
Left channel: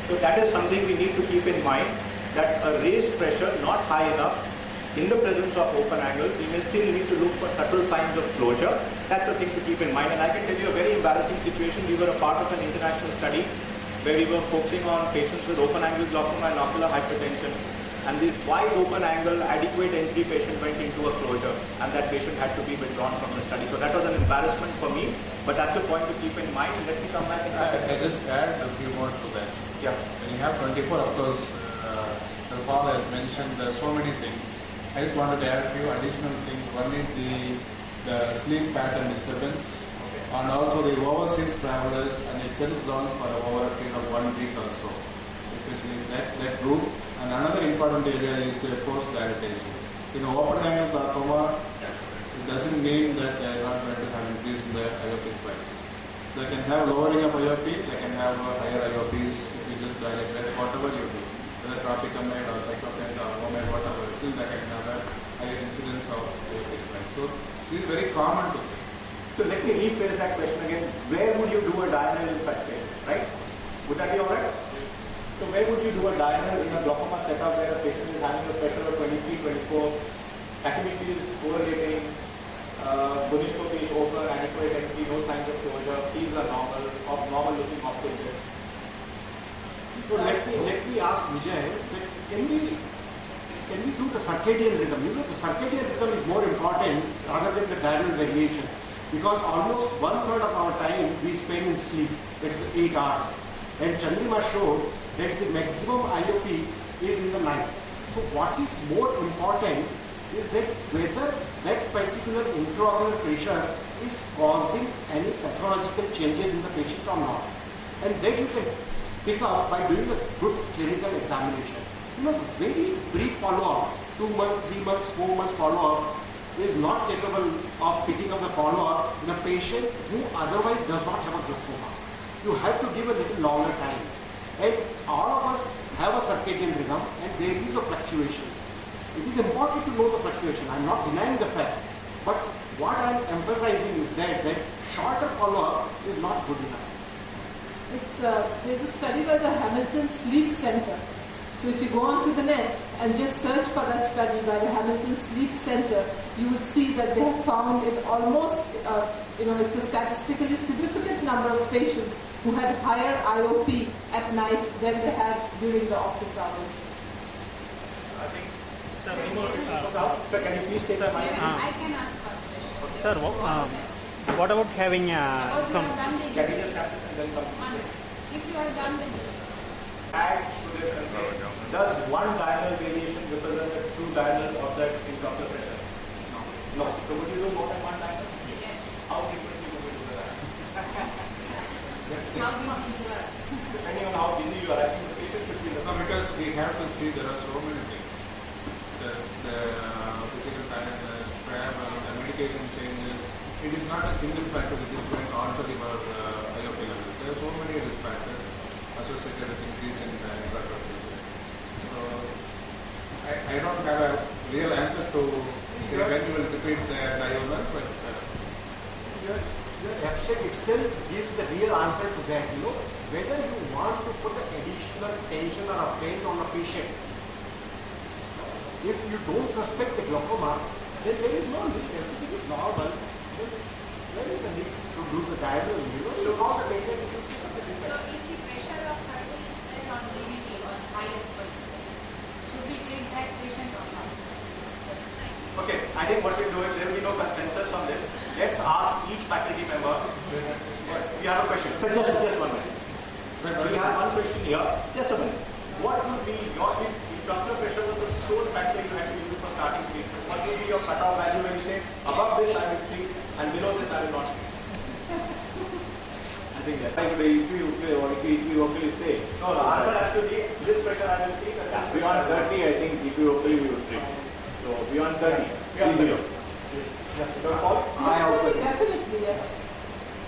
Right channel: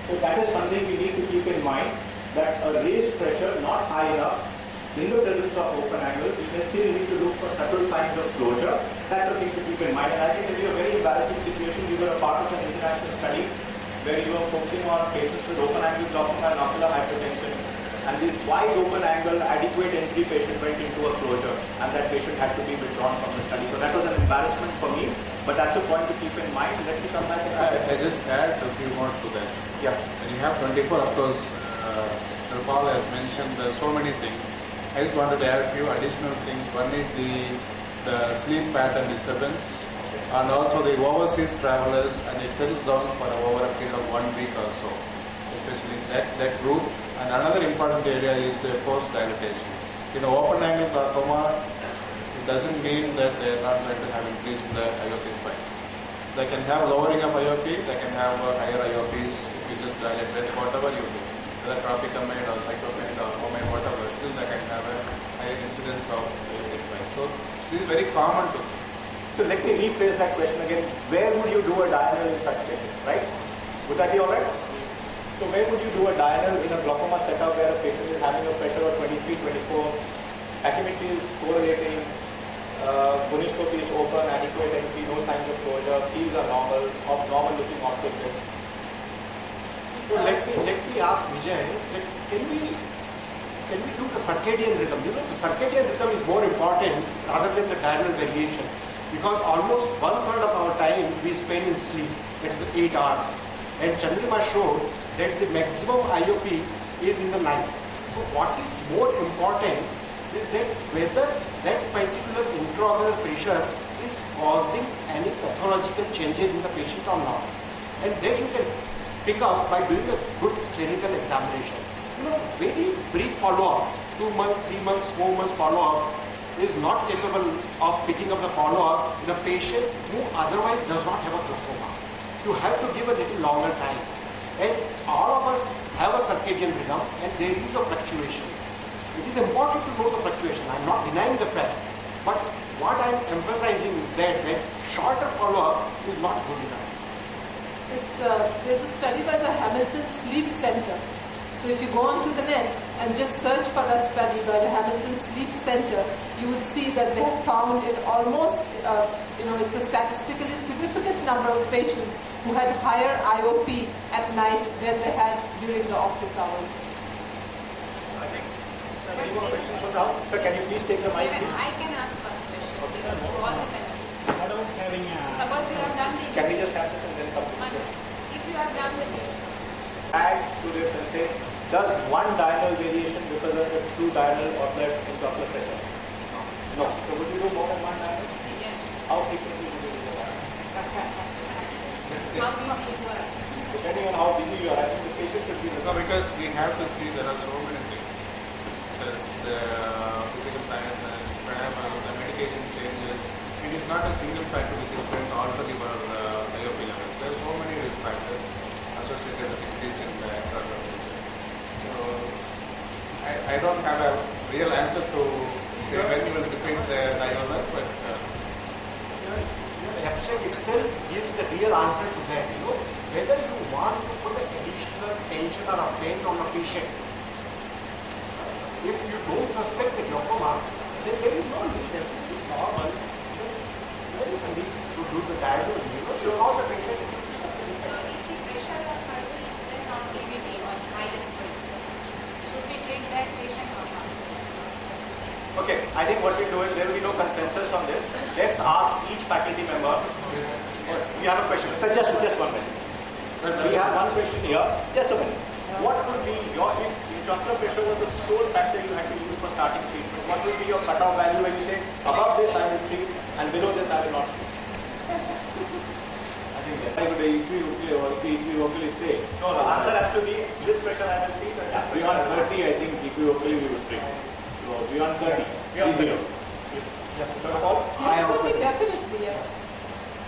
So that is something we need to keep in mind, that a raised pressure, not high enough, in the presence of open angle, we may still need to look for subtle signs of closure. That's a thing to keep in mind. And I can tell you a very embarrassing situation. We were a part of an international study where we were focusing on patients with open angle glaucoma and ocular hypertension. And this wide open angle, adequate entry patient went into a closure, and that patient had to be withdrawn from the study. So that was an embarrassment for me, but that's a point to keep in mind. Let me come back and I just add a few more to that. Yeah. When you have 24, of course, Paul has mentioned so many things. I just wanted to add a few additional things. One is the sleep pattern disturbance, and also the overseas travelers, and it settles down for over a period of 1 week or so, especially that group. And another important area is the post-dilatation. In open angle glaucoma, it doesn't mean that they are not going to have increase in the IOP spikes. They can have lowering of IOP, they can have higher IOPs if you just dilate it, whatever you do, whether tropicamide or cyclopamide or homemade, whatever, still they can have a higher incidence of IOP spikes. So this is very common to see. So let me rephrase that question again. Where would you do a diurnal in such cases, right? Would that be alright? So where would you do a diurnal in a glaucoma setup where a patient is having a pressure of 23, 24, acuity is correlating, gonioscopy is open, adequate entry, no signs of closure, fields are normal looking optic disc. So let me ask Vijay, can we do the circadian rhythm? You know, the circadian rhythm is more important rather than the diurnal variation, because almost 1/3 of our time we spend in sleep. It's 8 hours. And Chandrima showed that the maximum IOP is in the night. So what is more important is that whether that particular intraocular pressure is causing any pathological changes in the patient or not. And that you can pick up by doing a good clinical examination. You know, very brief follow-up, 2 months, 3 months, 4 months follow-up is not capable of picking up the follow-up in a patient who otherwise does not have a glaucoma. You have to give a little longer time. And all of us have a circadian rhythm and there is a fluctuation. It is important to know the fluctuation. I am not denying the fact. But what I am emphasizing is that shorter follow-up is not good enough. There's a study by the Hamilton Sleep Center. So if you go onto the net and just search for that study by the Hamilton Sleep Center, you would see that they have found it almost, it's a statistically significant number of patients who had higher IOP at night than they had during the office hours. I think, sir, any more questions for now? Sir, can you please take the mic? I can ask a question. Sir, what about having Suppose you have done the Can we just have this and then come to one. If you are done with it, add to this and say, does one diurnal variation represent a true diurnal or left intraocular pressure? No. So would you do more than one diurnal? yes. How frequently would you do that? Depending on how busy you are, I think the patient should be in the No, because we have to see there are so many things. There's the physical tiredness, travel, the medication changes. It is not a single factor which is going to alter your IOP levels. There are so many risk factors associated with increasing the intravenous. So I don't have a real answer to say when you will repeat the IOP, but your abstract itself gives the real answer to that. Whether you want to put an additional tension or a pain on a patient. If you don't suspect the glaucoma, then there is no need. Everything is normal. There is a need to do the diagnosis. So how the patient. So if the pressure of artery is set on DVT or highest point, should we treat that patient or not? Okay, I think what we do is there will be no consensus on this. Let's ask each faculty member. We have a question. So just 1 minute. We have one question here. Just a minute. What would be your, if intraocular pressure was the sole factor you had to use for starting treatment, what will be your cutoff value when you say above this I will treat and below this I will not treat? I think that's like the equivocally say. No, the answer has to be this pressure I will treat and this pressure Beyond I will 30, I think equivocally we will treat. So beyond 30, easily. I also definitely yes.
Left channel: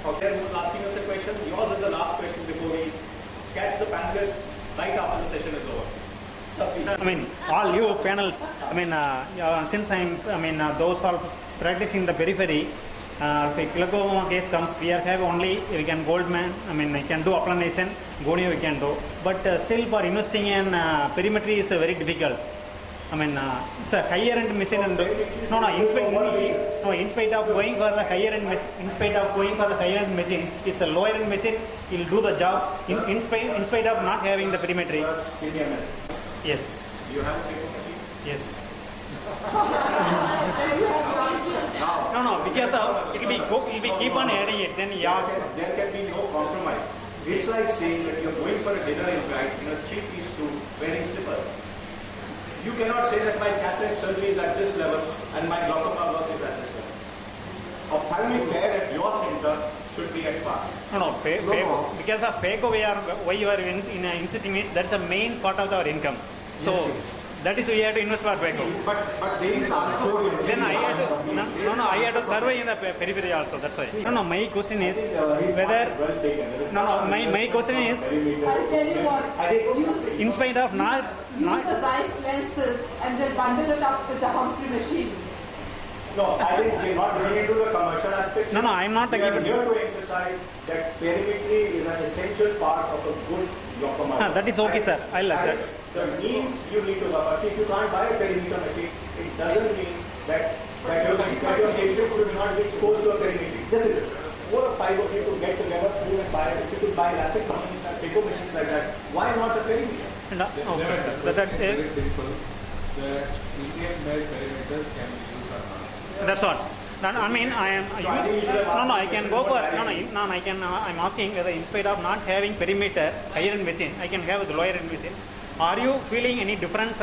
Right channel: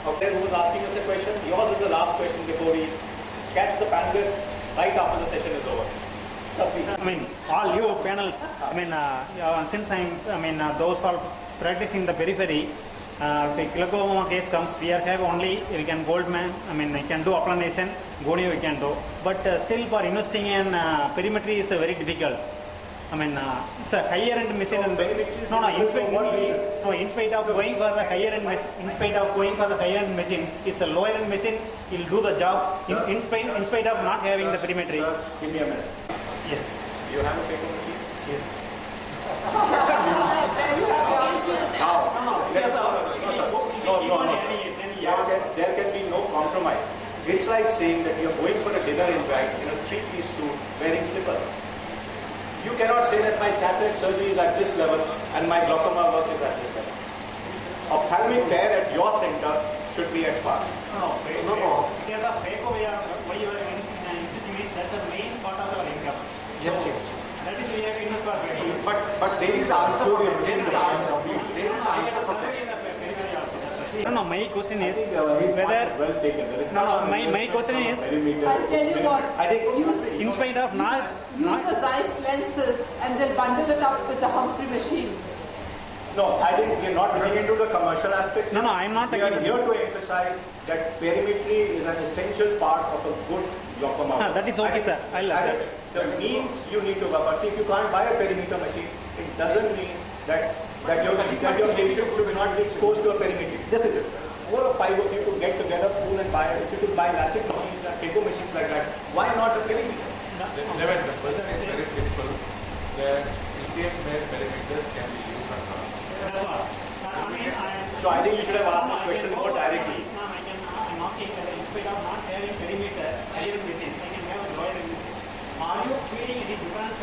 Okay, who is asking us a question? Yours is the last question before we catch the panelists right after the session is over. So please. I mean, all you panels, I mean, since those are practicing the periphery, if a glaucoma case comes, we can Goldman, I can do applanation, gonio we can do. But still for investing in perimetry is very difficult. It's a higher end machine. In spite of going for the higher end, machine, it's a lower end machine. It'll do the job. In spite of not having the perimetry. Give me a minute. Yes. You have a paper machine? Yes. Now, Because it will keep on adding it. Then there can be no compromise. It's like saying that you're going for a dinner invite in a 3-piece suit wearing slippers. You cannot say that my cataract surgery is at this level and my glaucoma work is at this level. Ophthalmic care at your center should be at par. Because of PACO, why you are in instituting means that's the main part of our income. So that is we have to invest for PACO. But there is also Then I had to survey in the periphery also. That's right. My question is whether my question is I'll tell you what. in spite of not Use the Zeiss lenses and then bundle it up with the Humphrey machine. No, I think we're not going into the commercial aspect. I'm not. We are here to emphasize that perimetry is an essential part of a good glaucoma. That is okay, sir. I love that. The means you need to work. But if you can't buy a perimeter machine, it doesn't mean that your patient should not be exposed to a perimetry. This is it. 4 or 5 of you could get together, pool and buy it. If you could buy LASIK machines and PACO machines like that, why not a perimeter? That's very simple. The lithium based perimeters can be used or not. That's all. I think you should have asked I can go for directly. I'm asking whether in spite of not having perimeter, higher end machine, I can have the lower end machine. Are you feeling any difference?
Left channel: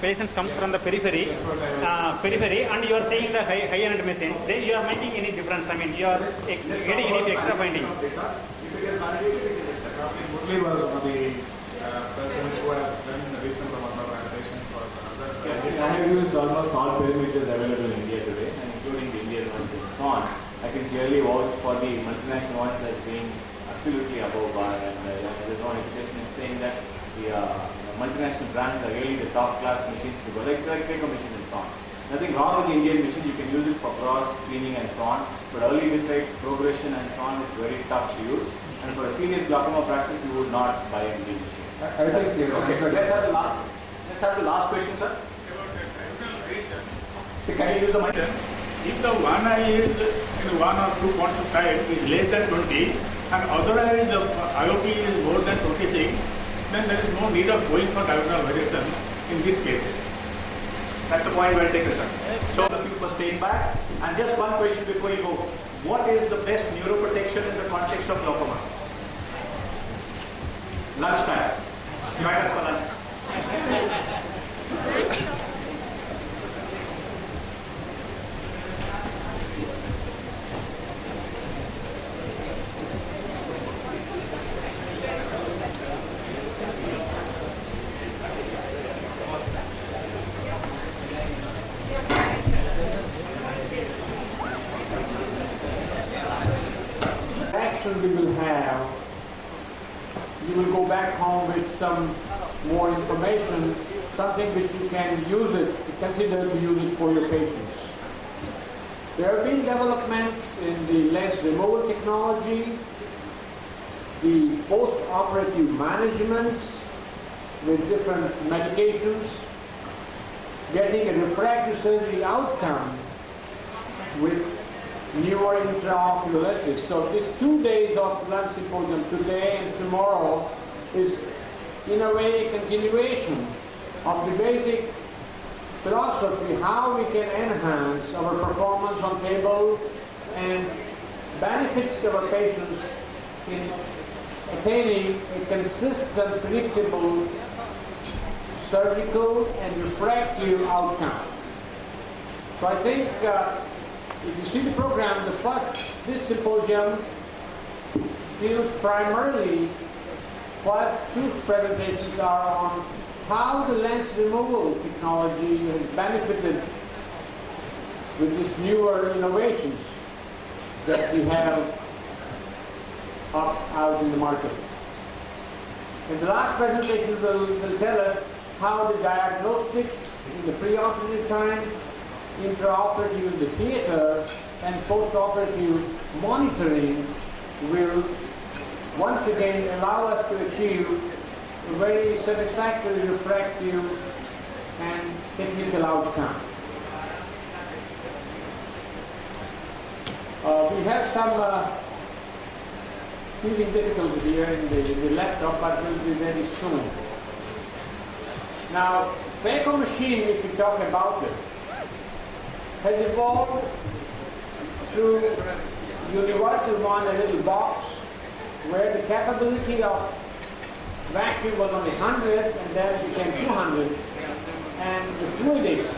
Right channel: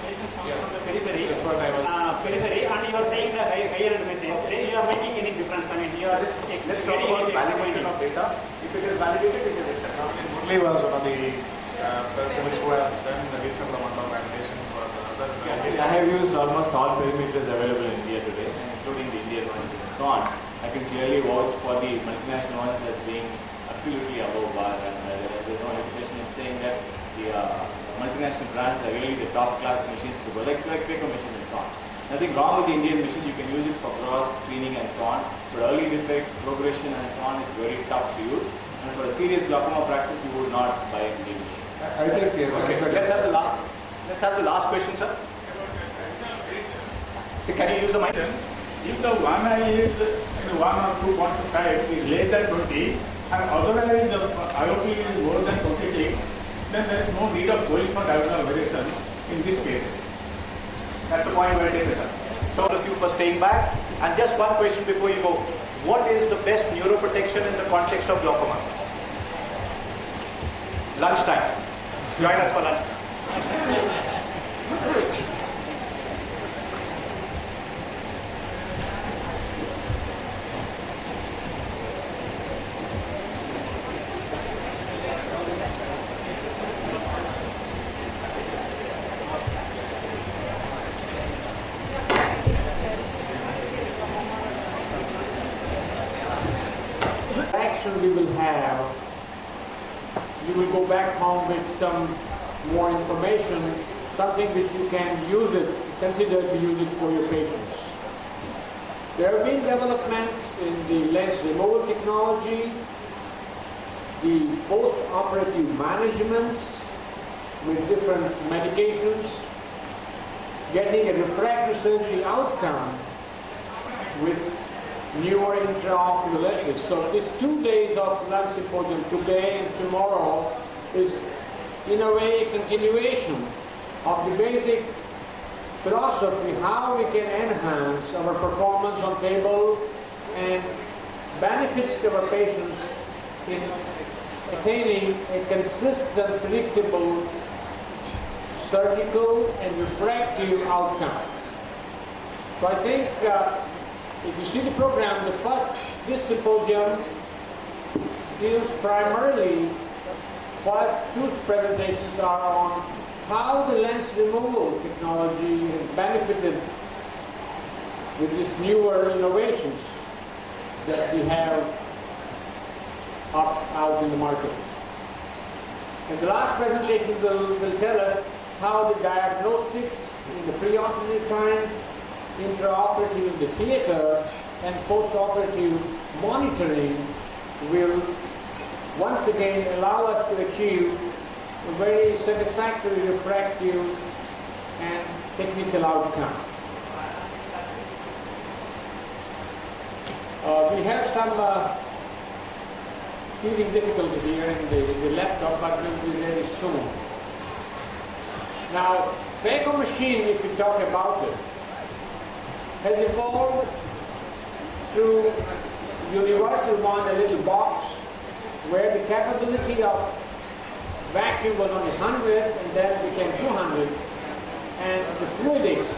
Patients comes from the periphery, and you are saying the higher end machine. Then you are making any difference? You are getting any extra finding. If it is validated, it is accepted. Murli was one of the persons who has done a reasonable amount of validation for other. I have used almost all perimeters available in India today, including the Indian ones and so on. I can clearly vouch for the multinational ones as being absolutely above bar, and there is no hesitation in saying that the multinational brands are really the top class machines to go, like PACO machines and so on. Nothing wrong with the Indian machine, you can use it for cross screening and so on, but early defects, progression and so on is very tough to use, and for a serious glaucoma practice you would not buy an Indian machine. I think Let's have the last question, sir. So can you use the mic? If the one eye is in 1 or 2 points of type is less than 20 and otherwise the IOP is more than 26, then there is no need of going for diagonal variation in these cases. That's the point well taken, sir. So a few for staying back. And just one question before you go. What is the best neuroprotection in the context of glaucoma? Lunchtime. Join us for lunch. discussion we will have, you will go back home with some more information, something which you can use it, consider to use it for your patients. There have been developments in the lens removal technology, the post-operative management with different medications, getting a refractive surgery outcome with newer intraocular lenses. So these 2 days of lens symposium, today and tomorrow, is in a way a continuation of the basic philosophy, how we can enhance our performance on table and benefits to our patients in attaining a consistent, predictable surgical and refractive outcome. So I think if you see the program, this symposium deals primarily, first two presentations are on how the lens removal technology has benefited with these newer innovations that we have out in the market. And the last presentation will tell us how the diagnostics in the preoperative time, intraoperative in the theater, and postoperative monitoring will once again allow us to achieve a very satisfactory refractive and technical outcome. We have some teething difficulty here in the laptop, but will be very soon. Now, phaco machine, if we talk about it, has evolved through universal one, a little box, where the capability of vacuum was only 100 and then became 200, and the fluidics,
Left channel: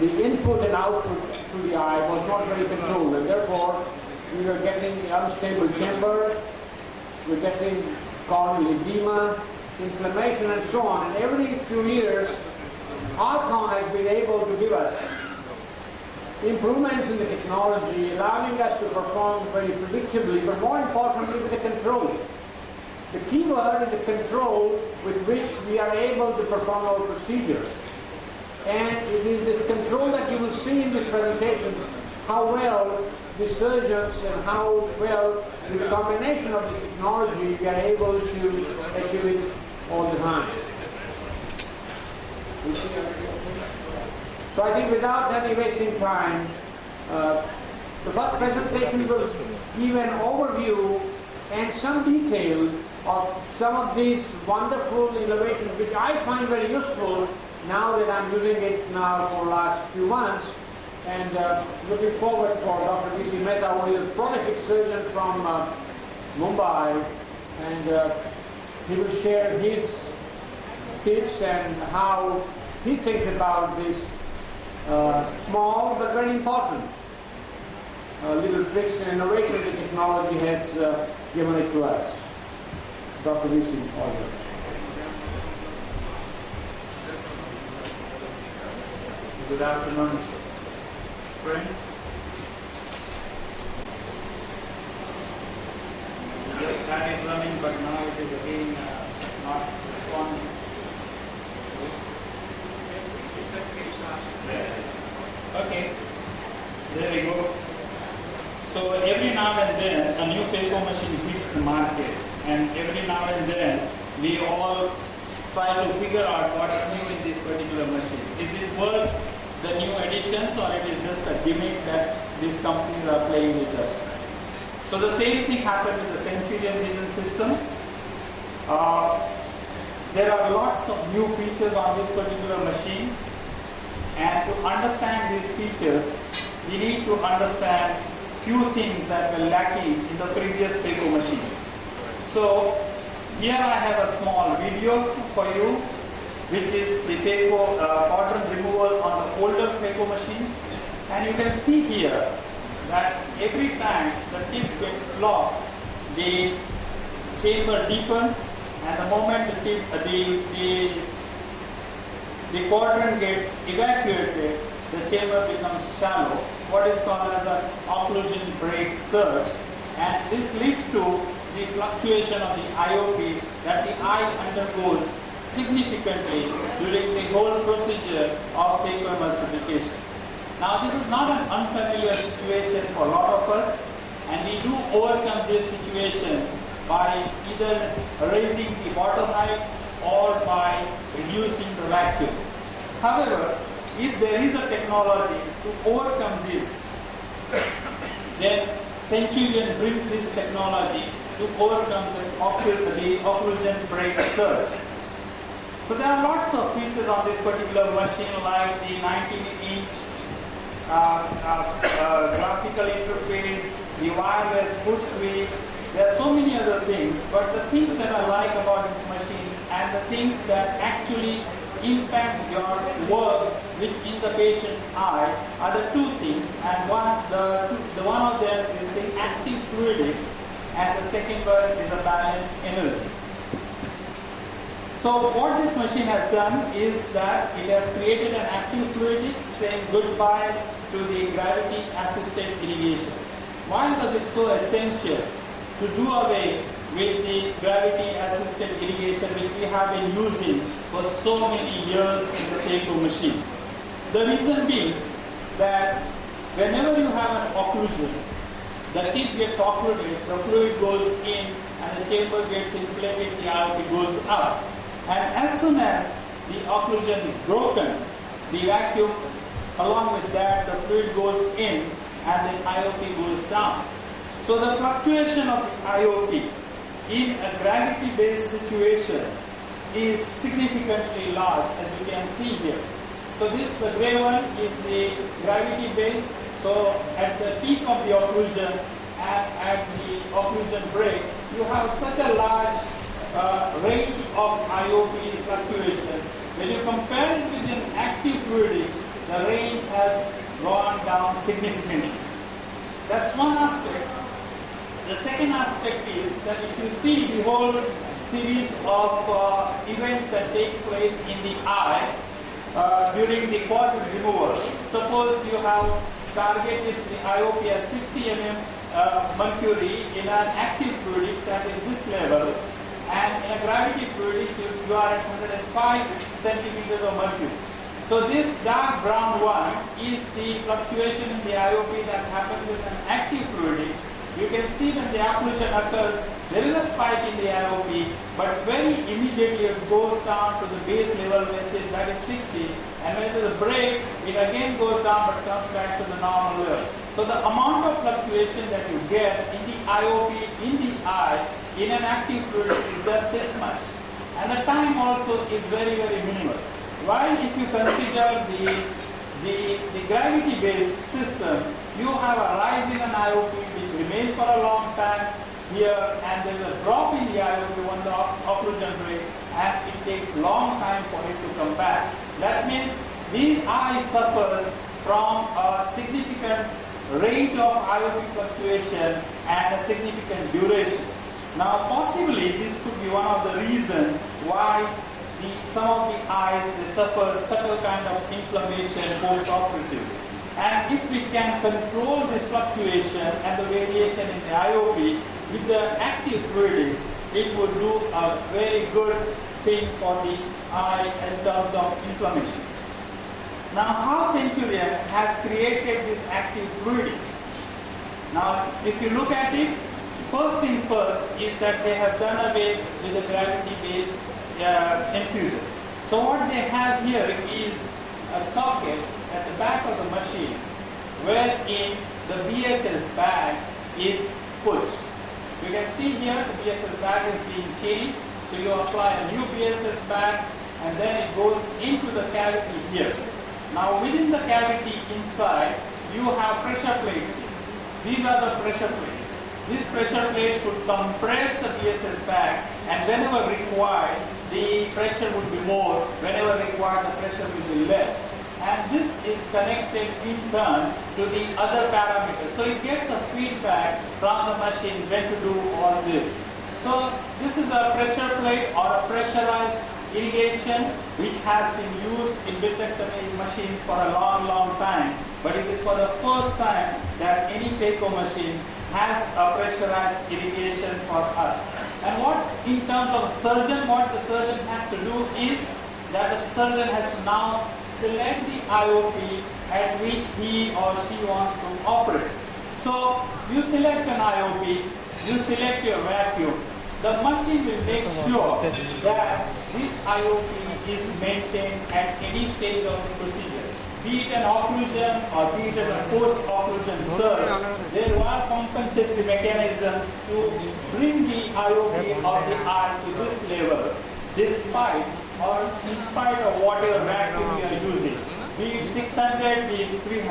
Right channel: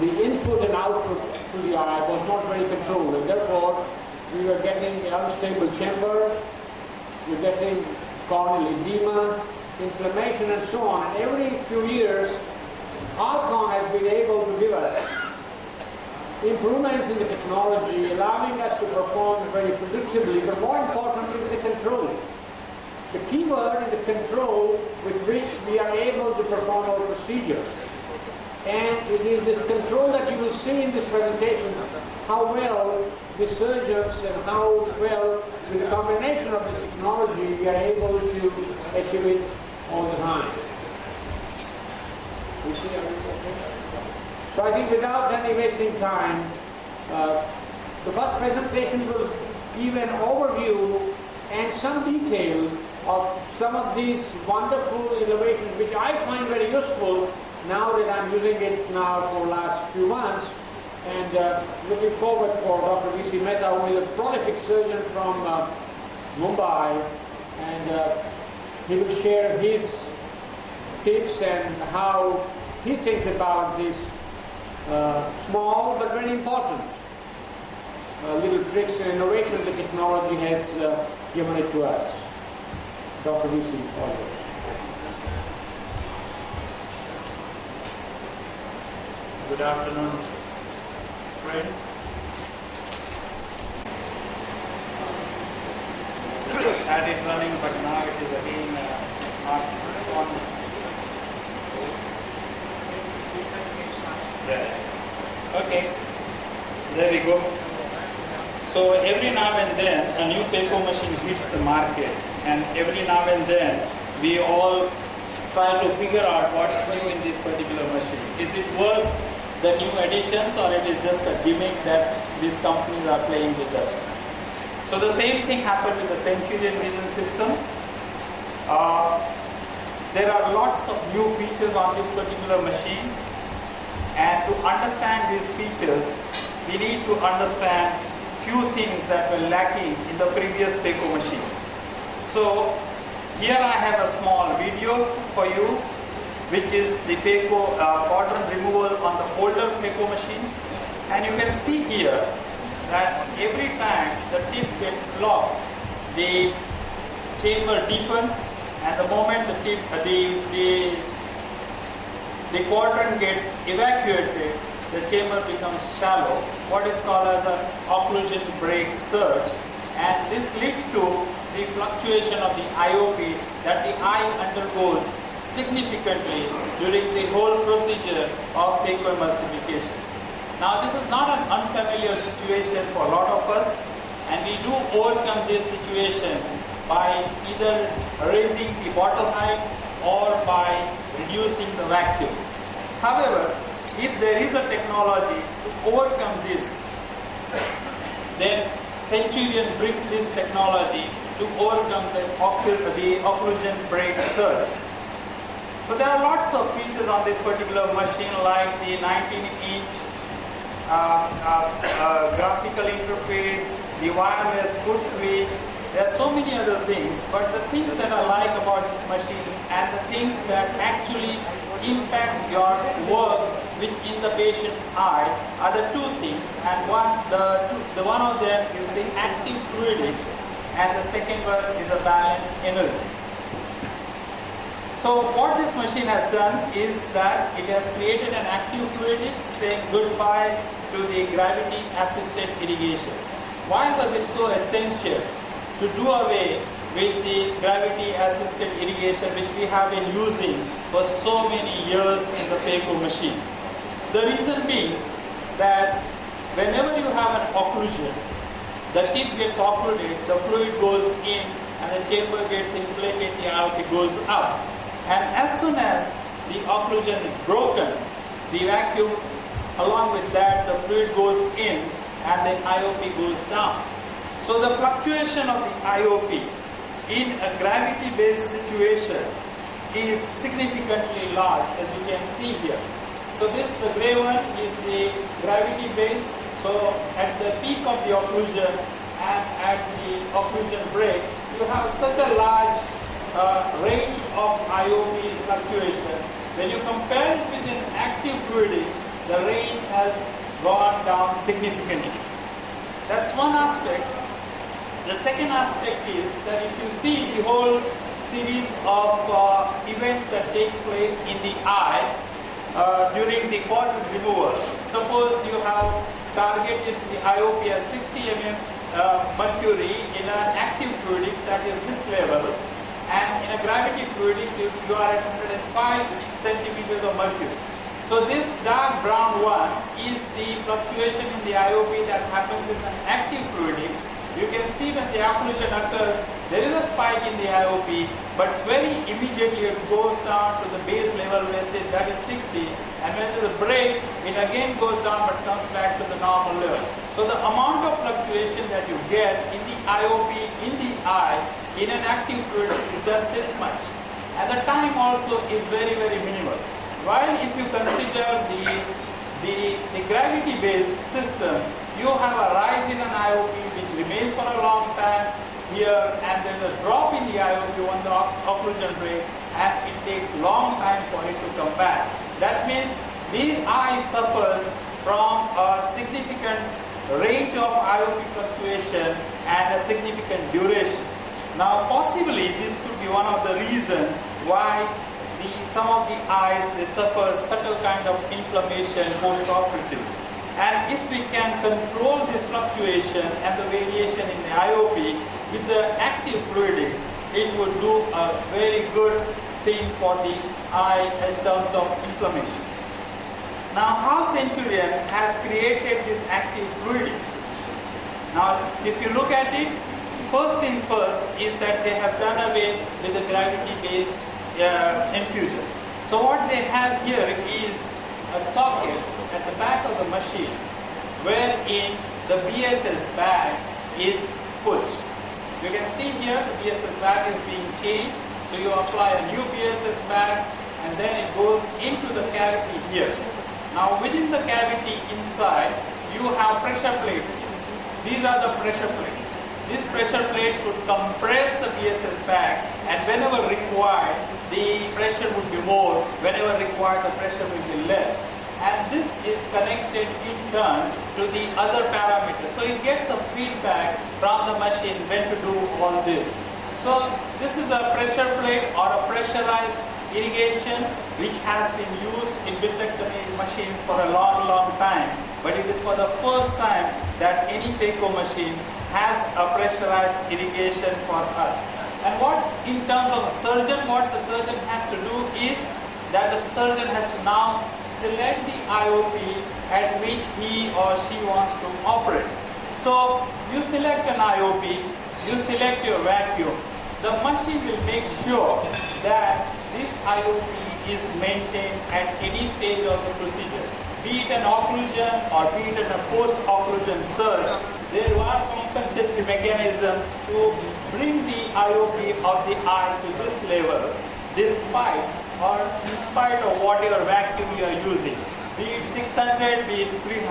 the input and output to the eye was not very controlled, and therefore we were getting unstable chamber, we're getting corneal edema, inflammation, and so on. And every few years, Alcon has been able to give us improvements in the technology, allowing us to perform very predictably, but more importantly, with the control. The key word is the control with which we are able to perform our procedure. And it is this control that you will see in this presentation, how well the surgeons and how well, with the combination of the technology, we are able to achieve it all the time. So I think without any wasting time, the first presentation will give an overview and some detail of some of these wonderful innovations, which I find very useful now that I'm using it now for the last few months, and looking forward for Dr. V.C. Mehta, who is a prolific surgeon from Mumbai, and he will share his tips and how he thinks about this small but very important little tricks and innovation the technology has given it to us. Dr. V.C. Good afternoon, friends. I started running, but now it is again not responding. Okay, there we go. So every now and then a new phaco machine hits the market, and every now and then we all try to figure out what's new in this particular machine. Is it worth the new additions, or it is just a gimmick that these companies are playing with us? So the same thing happened with the Centurion vision system. There are lots of new features on this particular machine, and to understand these features, we need to understand few things that were lacking in the previous phaco machines. So here I have a small video for you, which is the phaco quadrant removal on the older phaco machines, and you can see here that every time the tip gets locked, the chamber deepens, and the moment the tip, the quadrant gets evacuated, the chamber becomes shallow, what is called as an occlusion break surge, and this leads to the fluctuation of the IOP that the eye undergoes significantly during the whole procedure of phacoemulsification. Now this is not an unfamiliar situation for a lot of us, and we do overcome this situation by either raising the bottle height or by reducing the vacuum. However, if there is a technology to overcome this, then Centurion brings this technology to overcome the occlusion break surge. So there are lots of features on this particular machine, like the 19-inch graphical interface, the wireless foot switch. There are so many other things, but the things that I like about this machine and the things that actually impact your work within the patient's eye are the two things, and the one of them is the active fluidics, and the second one is the balanced energy. So what this machine has done is that it has created an active fluidics saying goodbye to the gravity assisted irrigation. Why was it so essential to do away with the gravity-assisted irrigation which we have been using for so many years in the phaco machine? The reason being that whenever you have an occlusion, the tip gets occluded, the fluid goes in, and the chamber gets inflated, the IOP goes up. And as soon as the occlusion is broken, the vacuum, along with that, the fluid goes in, and the IOP goes down. So the fluctuation of the IOP in a gravity-based situation is significantly large, as you can see here. So this, the gray one, is the gravity-based. So at the peak of the occlusion and at the occlusion break, you have such a large range of IOP fluctuation. When you compare it with an active fluidics, the range has gone down significantly. That's one aspect. The second aspect is that if you see the whole series of events that take place in the eye during the quadrant removal. Suppose you have targeted the IOP as 60 mm mercury in an active fluidics that is this level, and in a gravity fluidics you are at 105 centimeters of mercury. So this dark brown one is the fluctuation in the IOP that happens in an active fluidics. You can see when the occlusion occurs, there is a spike in the IOP, but very immediately it goes down to the base level where that is 60, and when there is a break, it again goes down but comes back to the normal level. So the amount of fluctuation that you get in the IOP in the eye in an active fluid is just this much. And the time also is very, very minimal. While if you consider the gravity-based system, you have a rise in an IOP which remains for a long time here, and there is a drop in the IOP when the occlusion breaks, and it takes a long time for it to come back. That means the eye suffers from a significant range of IOP fluctuation and a significant duration. Now possibly this could be one of the reasons why some of the eyes, they suffer subtle kind of inflammation post-operatively. And if we can control this fluctuation and the variation in the IOP with the active fluidics, it would do a very good thing for the eye in terms of inflammation. Now, how Centurion has created this active fluidics? Now, if you look at it, first thing first is that they have done away with the gravity-based infusion. So what they have here is a socket at the back of the machine wherein the BSS bag is put. You can see here the BSS bag is being changed. So you apply a new BSS bag and then it goes into the cavity here. Now within the cavity inside you have pressure plates. These are the pressure plates. These pressure plates would compress the BSS bag, and whenever required, the pressure would be more. Whenever required, the pressure will be less. And this is connected in turn to the other parameters. So it gets a feedback from the machine when to do all this. So this is a pressure plate or a pressurized irrigation which has been used in vitrectomy machines for a long, long time. for the first time that any phaco machine has a pressurized irrigation for us. And what, in terms of a surgeon, what the surgeon has to do is that the surgeon has to now select the IOP at which he or she wants to operate. So you select an IOP, you select your vacuum. The machine will make sure that this IOP is maintained at any stage of the procedure. Be it an occlusion or be it a post-occlusion surge, there are compensatory mechanisms to bring the IOP of the eye to this level, despite or in spite of whatever vacuum you are using, be it 600, be it 300.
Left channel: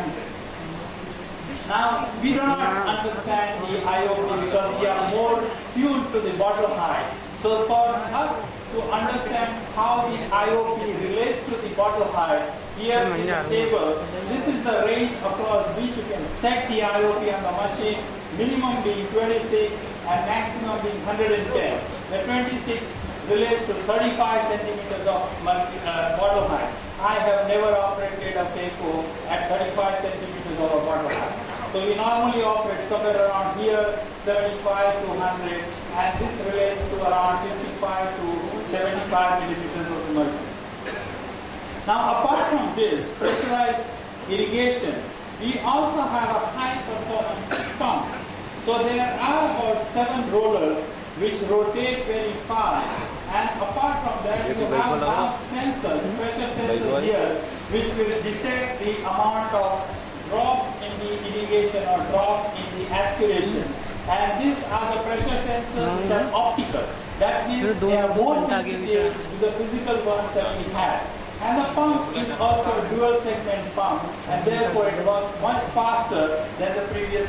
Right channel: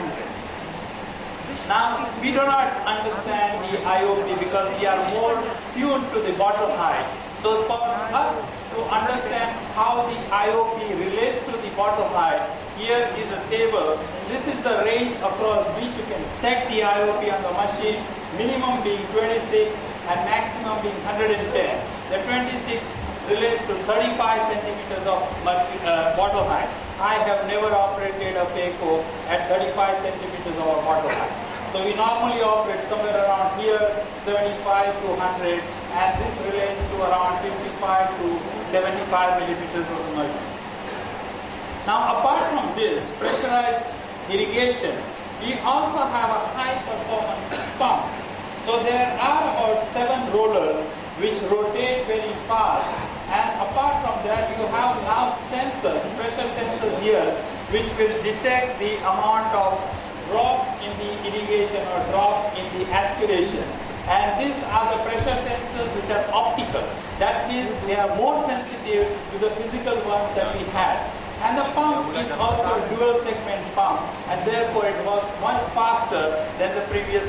Now, we do not understand the IOP because we are more tuned to the bottom height. So for us to understand how the IOP relates to the bottom height, here is a table. This is the range across which you can set the IOP on the machine, minimum being 26 and maximum being 110. The 26 relates to 35 centimeters of bottom height. I have never operated a phaco at 35 centimeters of bottom height. So we normally operate somewhere around here, 75 to 100, and this relates to around 55 to 75 millimeters of mercury. Now, apart from this pressurized irrigation, we also have a high performance pump. So there are about 7 rollers which rotate very fast, and apart from that, you have now sensors, pressure sensors here, which will detect the amount of drop in the irrigation or drop in the aspiration. And these are the pressure sensors which are optical. That means they are more sensitive to the physical ones that we had. And the pump is also a dual segment pump, and therefore it was much faster than the previous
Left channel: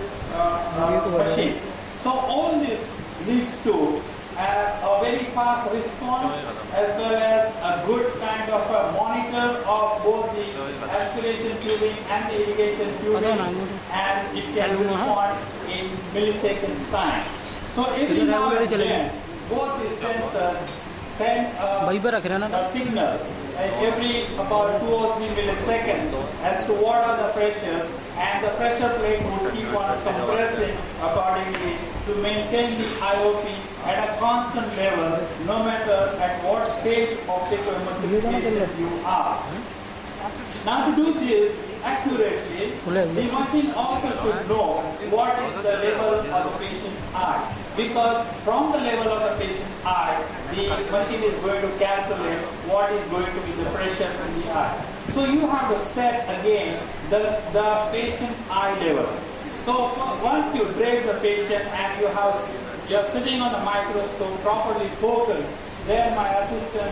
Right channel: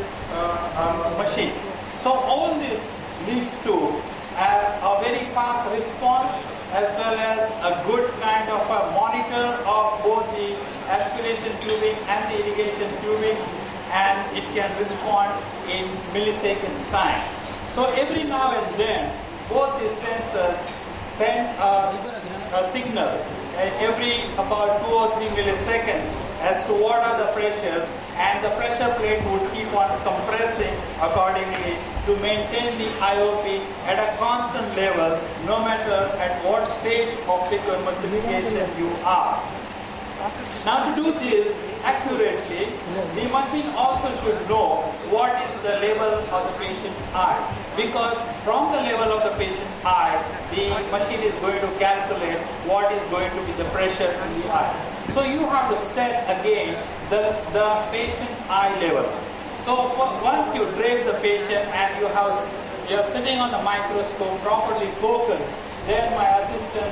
machine. So all this leads to a very fast response as well as a good kind of a monitor of both the aspiration tubing and the irrigation tubing, and it can respond in milliseconds time. So every now and then, both these sensors send a signal every about 2 or 3 milliseconds as to what are the pressures, and the pressure plate would keep on compressing accordingly to maintain the IOP at a constant level, no matter at what stage of phacoemulsification you are. Now, to do this accurately, the machine also should know what is the level of the patient's eye, because from the level of the patient's eye, the machine is going to calculate what is going to be the pressure in the eye. So you have to set again the patient's eye level. So once you drape the patient and you're sitting on the microscope properly focused, then my assistant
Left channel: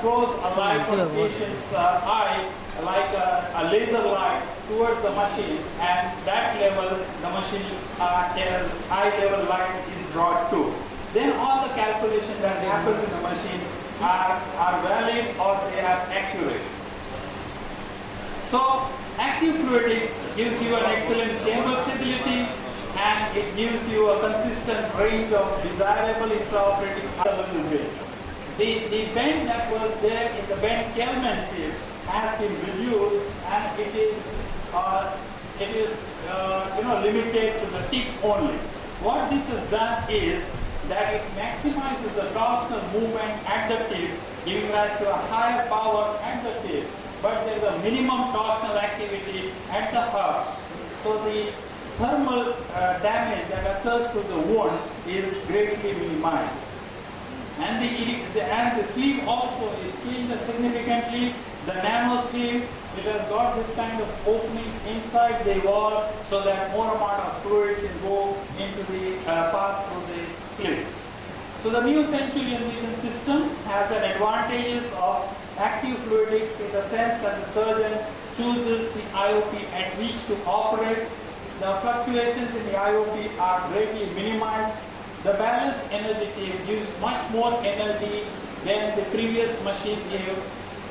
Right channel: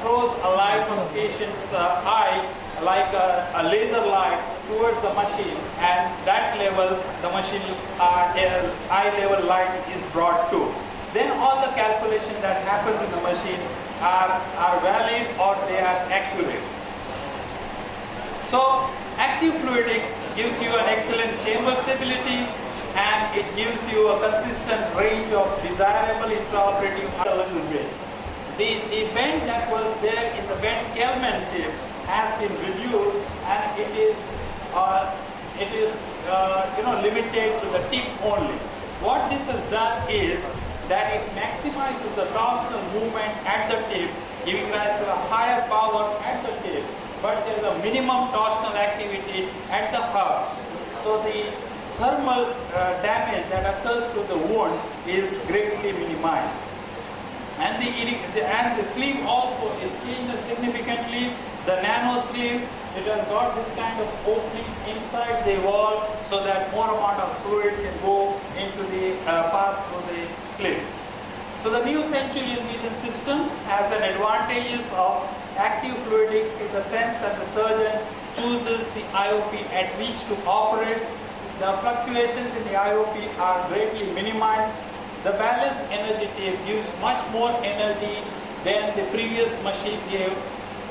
throws a light on the patient's eye, like a laser light, towards the machine, and that level, the machine eye level light is brought to. Then all the calculations that happens in the machine are valid or they are accurate. So active fluidics gives you an excellent chamber stability, and it gives you a consistent range of desirable intraoperative range. The bend that was there in the bent Kelman tip has been reduced, and it is limited to the tip only. What this has done is that it maximizes the torsional movement at the tip, giving rise to a higher power at the tip, but there is a minimum torsional activity at the hub. So the thermal damage that occurs to the wound is greatly minimized. And the sleeve also is changed significantly. The nano sleeve, it has got this kind of opening inside the wall so that more amount of fluid can go into the pass through the sleeve. So the new Centurion Vision system has an advantages of active fluidics in the sense that the surgeon chooses the IOP at which to operate. The fluctuations in the IOP are greatly minimized. The balance energy tape gives much more energy than the previous machine gave.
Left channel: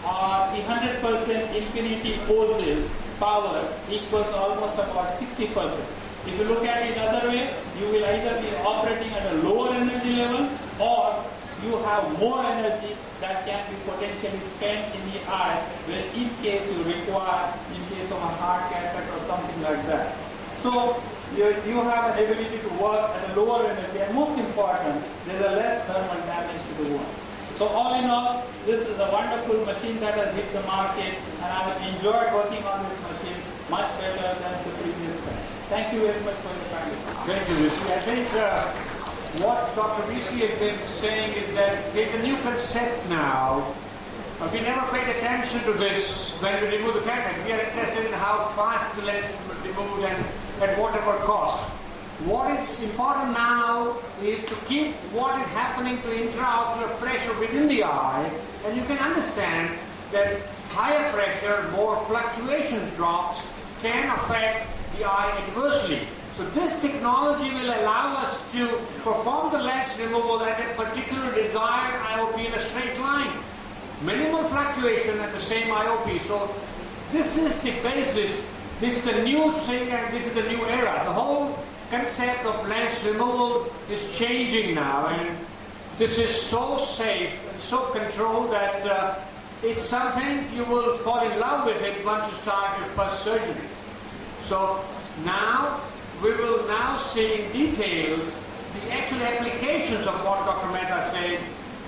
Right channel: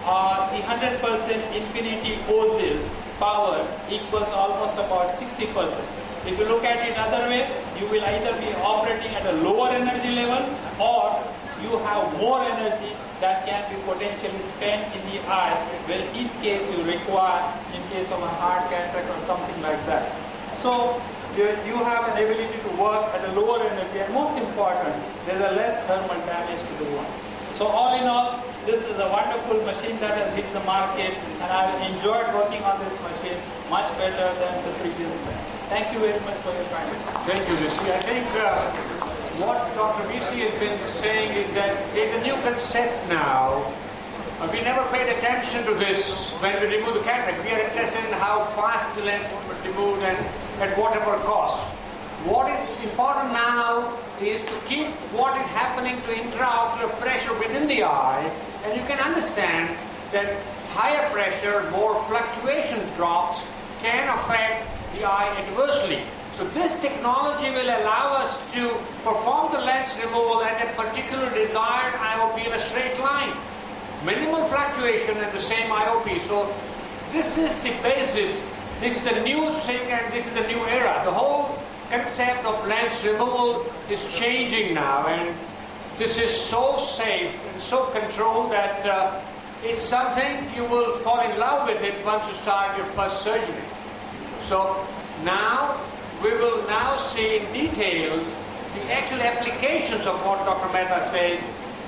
The 100% infinity Ozil power equals almost about 60%. If you look at it other way, you will either be operating at a lower energy level or you have more energy that can be potentially spent in the eye when in case you require, in case of a heart cataract or something like that. So you have an ability to work at a lower energy, and most important, there's a less thermal damage to the wound. So all in all, this is a wonderful machine that has hit the market, and I've enjoyed working on this machine much better than the previous one. Thank you very much for your time. Thank you, Rishi. I think what Dr. Rishi has been saying is that there's a new concept now. We never paid attention to this when we removed the cataract. We are interested in how fast the lens would be removed and at whatever cost. What is important now is to keep what is happening to intraocular pressure within the eye, and you can understand that higher pressure, more fluctuation drops can affect the eye adversely. So this technology will allow us to perform the lens removal at a particular desired IOP in a straight line. Minimal fluctuation at the same IOP. So this is the basis, this is the new thing, and this is the new era. The whole concept of lens removal is changing now, and this is so safe and so controlled that it's something you will fall in love with it once you start your first surgery. So now we will now see in details the actual applications of what Dr. Mehta said,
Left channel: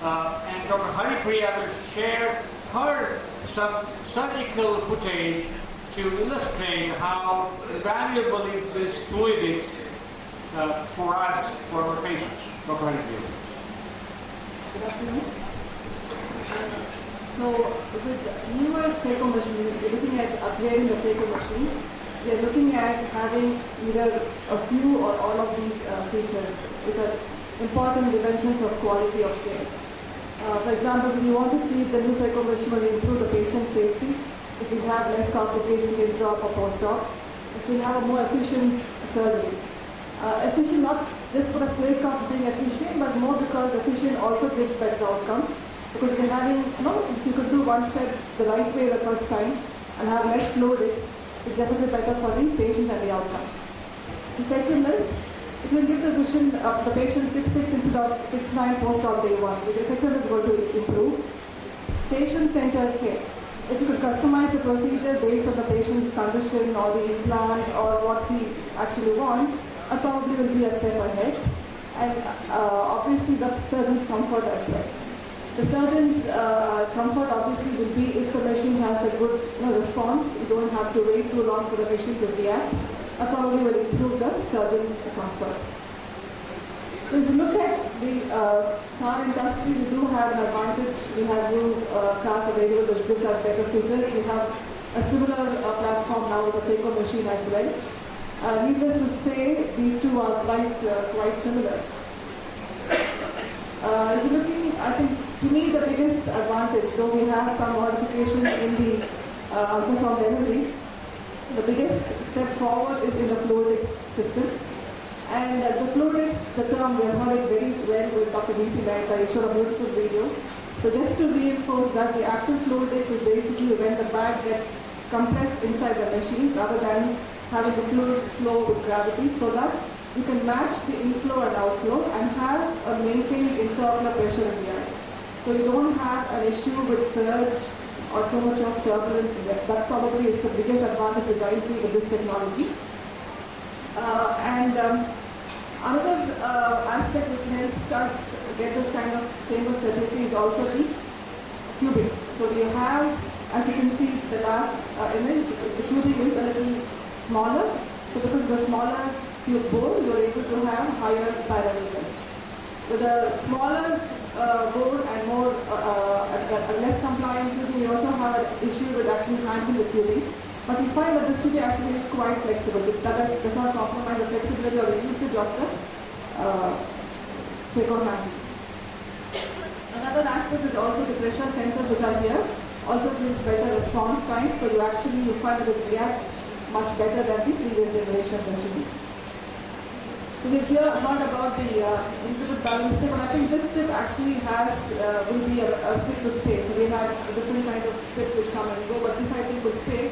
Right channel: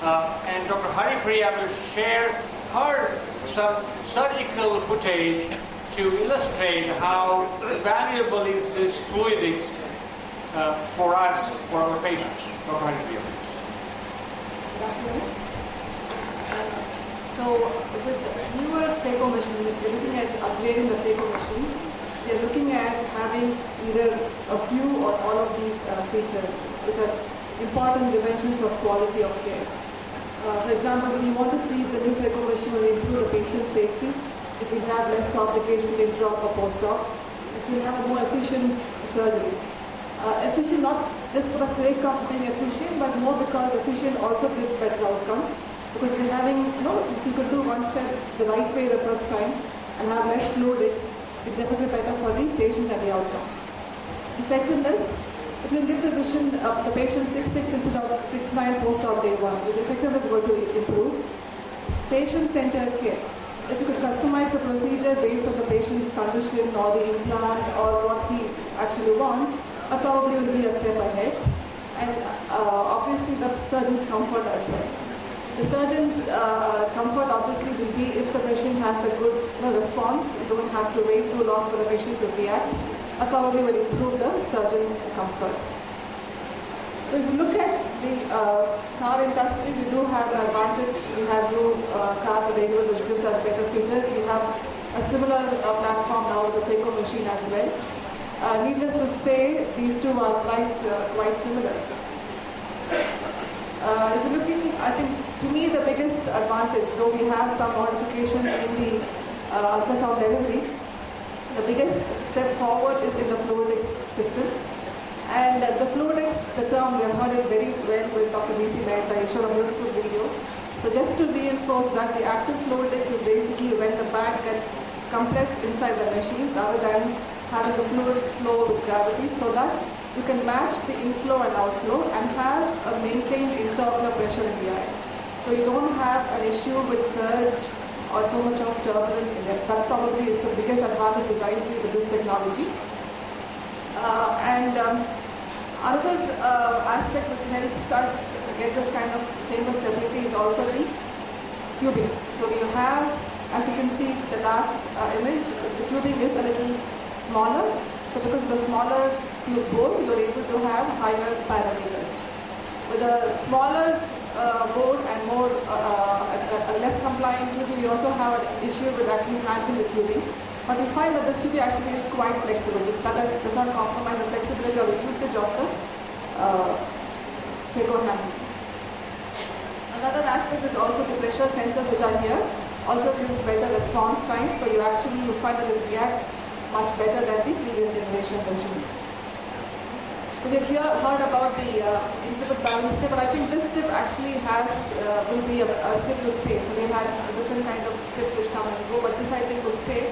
and Dr. Haripriya will share her some surgical footage to illustrate how valuable is this fluidics for us, for our patients. Dr. Haripriya. So with newer phaco machines, we're looking at upgrading the phaco machine. We're looking at having either a few or all of these features, which are important dimensions of quality of care. For example, when you want to see if the new phaco machine will improve the patient's safety, if we have less complications intra or post-op, if we have more efficient surgery. Efficient not just for the sake of being efficient, but more because efficient also gives better outcomes. Because we're having, if you could do one step the right way the first time and have less fluidics, it's definitely better for the patient and the outcome. Effectiveness, it will give the vision of the patient 6/6 instead of 6/9 post-op day 1. The effectiveness is going to improve. Patient-centered care. If you could customize the procedure based on the patient's condition or the implant or what he actually wants, probably will be a step ahead. And obviously the surgeon's comfort as well. The surgeon's comfort obviously will be if the patient has a good response. You don't have to wait too long for the patient to react. Probably will improve the surgeon's comfort. So if you look at the car industry, we do have an advantage. We have new cars available which gives us better features. We have a similar platform now with the phaco machine as well. Needless to say, these two are priced quite similar. If you're looking, I think, to me the biggest advantage, though we have some modifications in the ultrasound delivery, the biggest step forward is in the fluidics system. And the fluidics, the term, we have heard it very well with Dr. B.C. Mehta. He showed a beautiful video. So just to reinforce that, the active fluidics is basically when the bag gets compressed inside the machine rather than having the fluid flow with gravity, so that you can match the inflow and outflow and have a maintained intraocular pressure in the eye. So you don't have an issue with surge or too much of turbulence in it. That probably is the biggest advantage which I see in this technology. Another aspect which helps us get this kind of chamber stability is also the tubing. So we have, as you can see the last image, the tubing is a little smaller. So because of the smaller tube bore, you are able to have higher parameters. With a smaller bore and more less compliant tubing, we also have an issue with actually handling the tubing. But we find that this tubing actually is quite flexible. This does not compromise the flexibility or the usage of the phaco handling. Another aspect is also the pressure sensors which are here. Also gives better response time, so you find that it reacts much better than the previous generation machines. So we've heard about the intricate balance tip, but I think this tip actually will be a stick to stay. So they have a different kind of tips which come and go, but this I think will stay.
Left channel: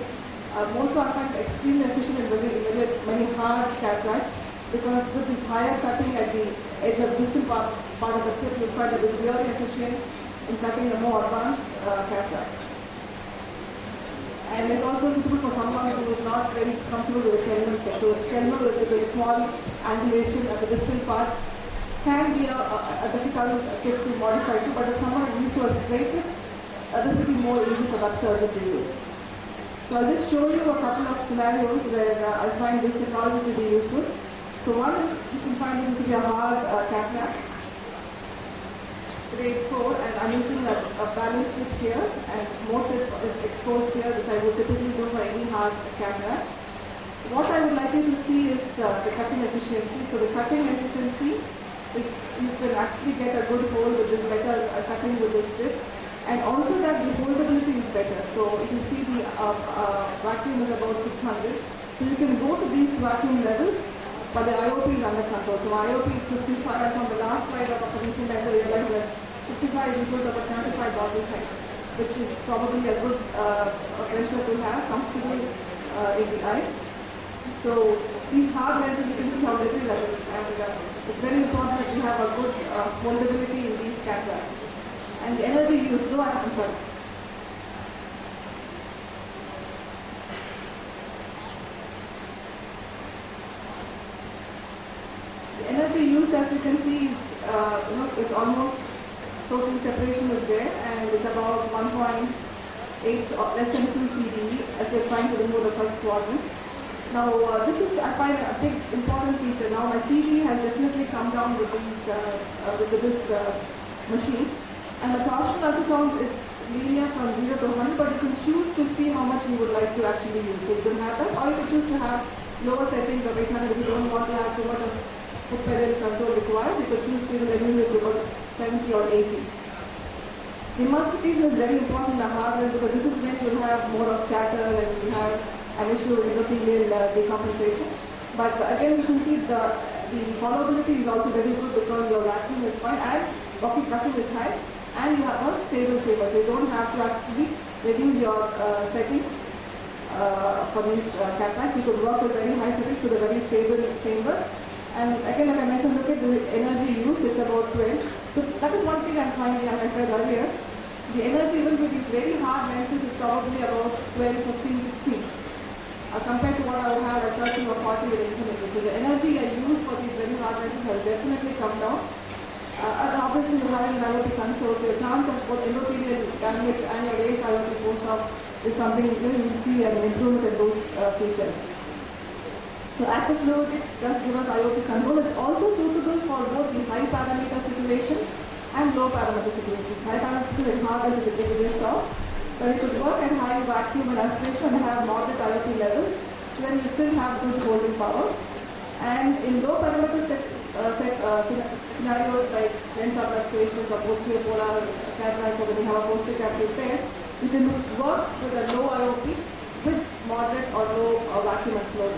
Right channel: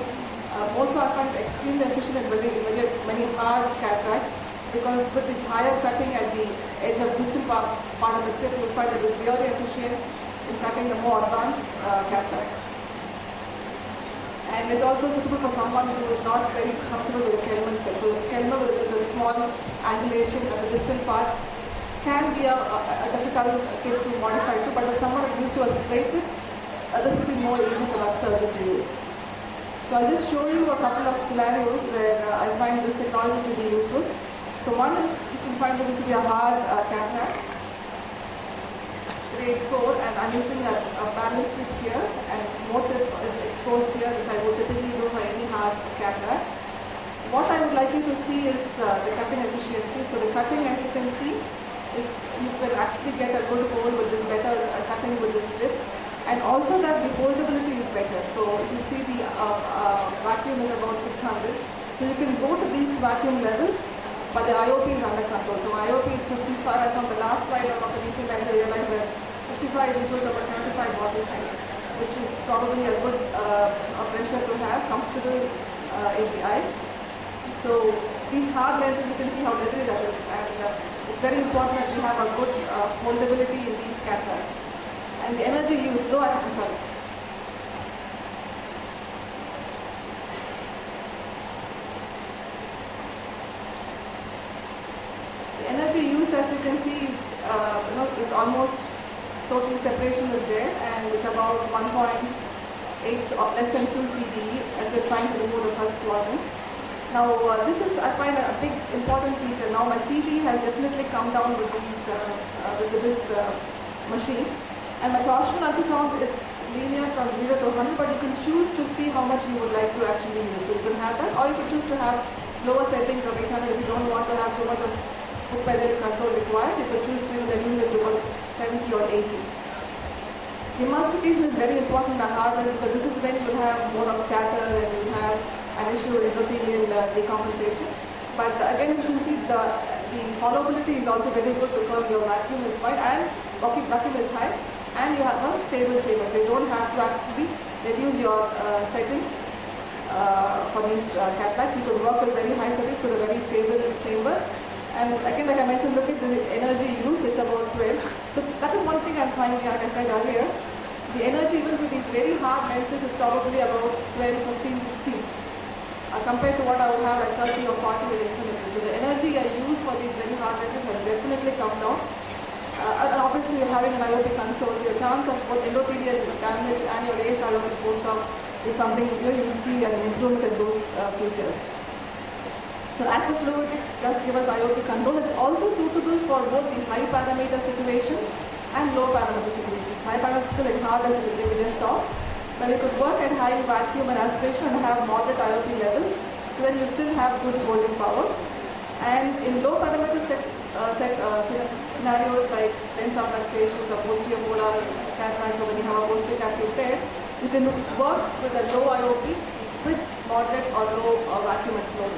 Also I find extremely efficient in many hard cataracts, because with this higher cutting at the edge of distal part of the tip, you find that it's really efficient. in cutting the more advanced cataracts. And it's also suitable for someone who is not very comfortable with the Kelman tip. So Kelman with the small angulation at the distal part can be a difficult tip to modify too, but if someone is used to a straight tip, this will be more easy for that surgeon to use. So I'll just show you a couple of scenarios where I find this technology to be useful. So one is, you can find this to be a hard cataract, grade 4, and I'm using a balance tip here, and more tip is exposed here, which I would typically do for any hard cataract. What I would like you to see is the cutting efficiency. So the cutting, as you can see, you can actually get a good hold with this better cutting with this tip. And also that the holdability is better. So if you see the vacuum is about 600. So you can go to these vacuum levels, but the IOP is under control. So IOP is 55, and from the last slide of the recent I realized that 55 is equal to about 75 bottle height, which is probably a good pressure to have, comfortable in the eye. So these hard lenses, you can see how little that is. And it's very important that we have a good holdability in these cataracts. And the energy used, though I'm sorry. The energy used, as you can see, is it's almost total separation is there, and it's about 1.8 or less than 2 CDE as we're trying to remove the first quadrant. Now, this is, I find, a big important feature. Now, my CD has definitely come down with this machine. And the torsion ultrasound is linear from 0 to 100, but you can choose to see how much you would like to actually use. So you can have that, or you can choose to have lower settings of 800 if you don't want to have too much of hook pedal control required. You can choose to use it to about 70 or 80. The emulsification is very important in the hard lens because this is when you have more of chatter and you have an issue with endothelial decompensation. But again, you can see the hollowability is also very good because your vacuum is fine and vacuum is high. And you have a stable chamber, so you don't have to actually reduce your settings for these cataracts. You could work with very high settings with a very stable chamber. And again, like I mentioned, look at the energy used, it's about 12. So that is one thing I'm finding, like I said earlier. The energy even with these very hard lenses is probably about 12, 15, 16. Compared to what I would have at 30 or 40 with infinity. So the energy I use for these very hard lenses has definitely come down. And obviously, you're having an IOP console, so your chance of both endothelial damage and your age IOP post-op is something you will see an improvement in those features. So active fluidics does give us IOP control. It's also suitable for both the high parameter situations and low parameter situations. High parameter is hard as we just saw, but it could work at high vacuum and aspiration and have moderate IOP levels, so then you still have good holding power. And in low parameter scenarios like lens subluxations or posterior polar cataracts, or when you have a posterior cataract pair, you can work with a low IOP with moderate or low vacuum and flow.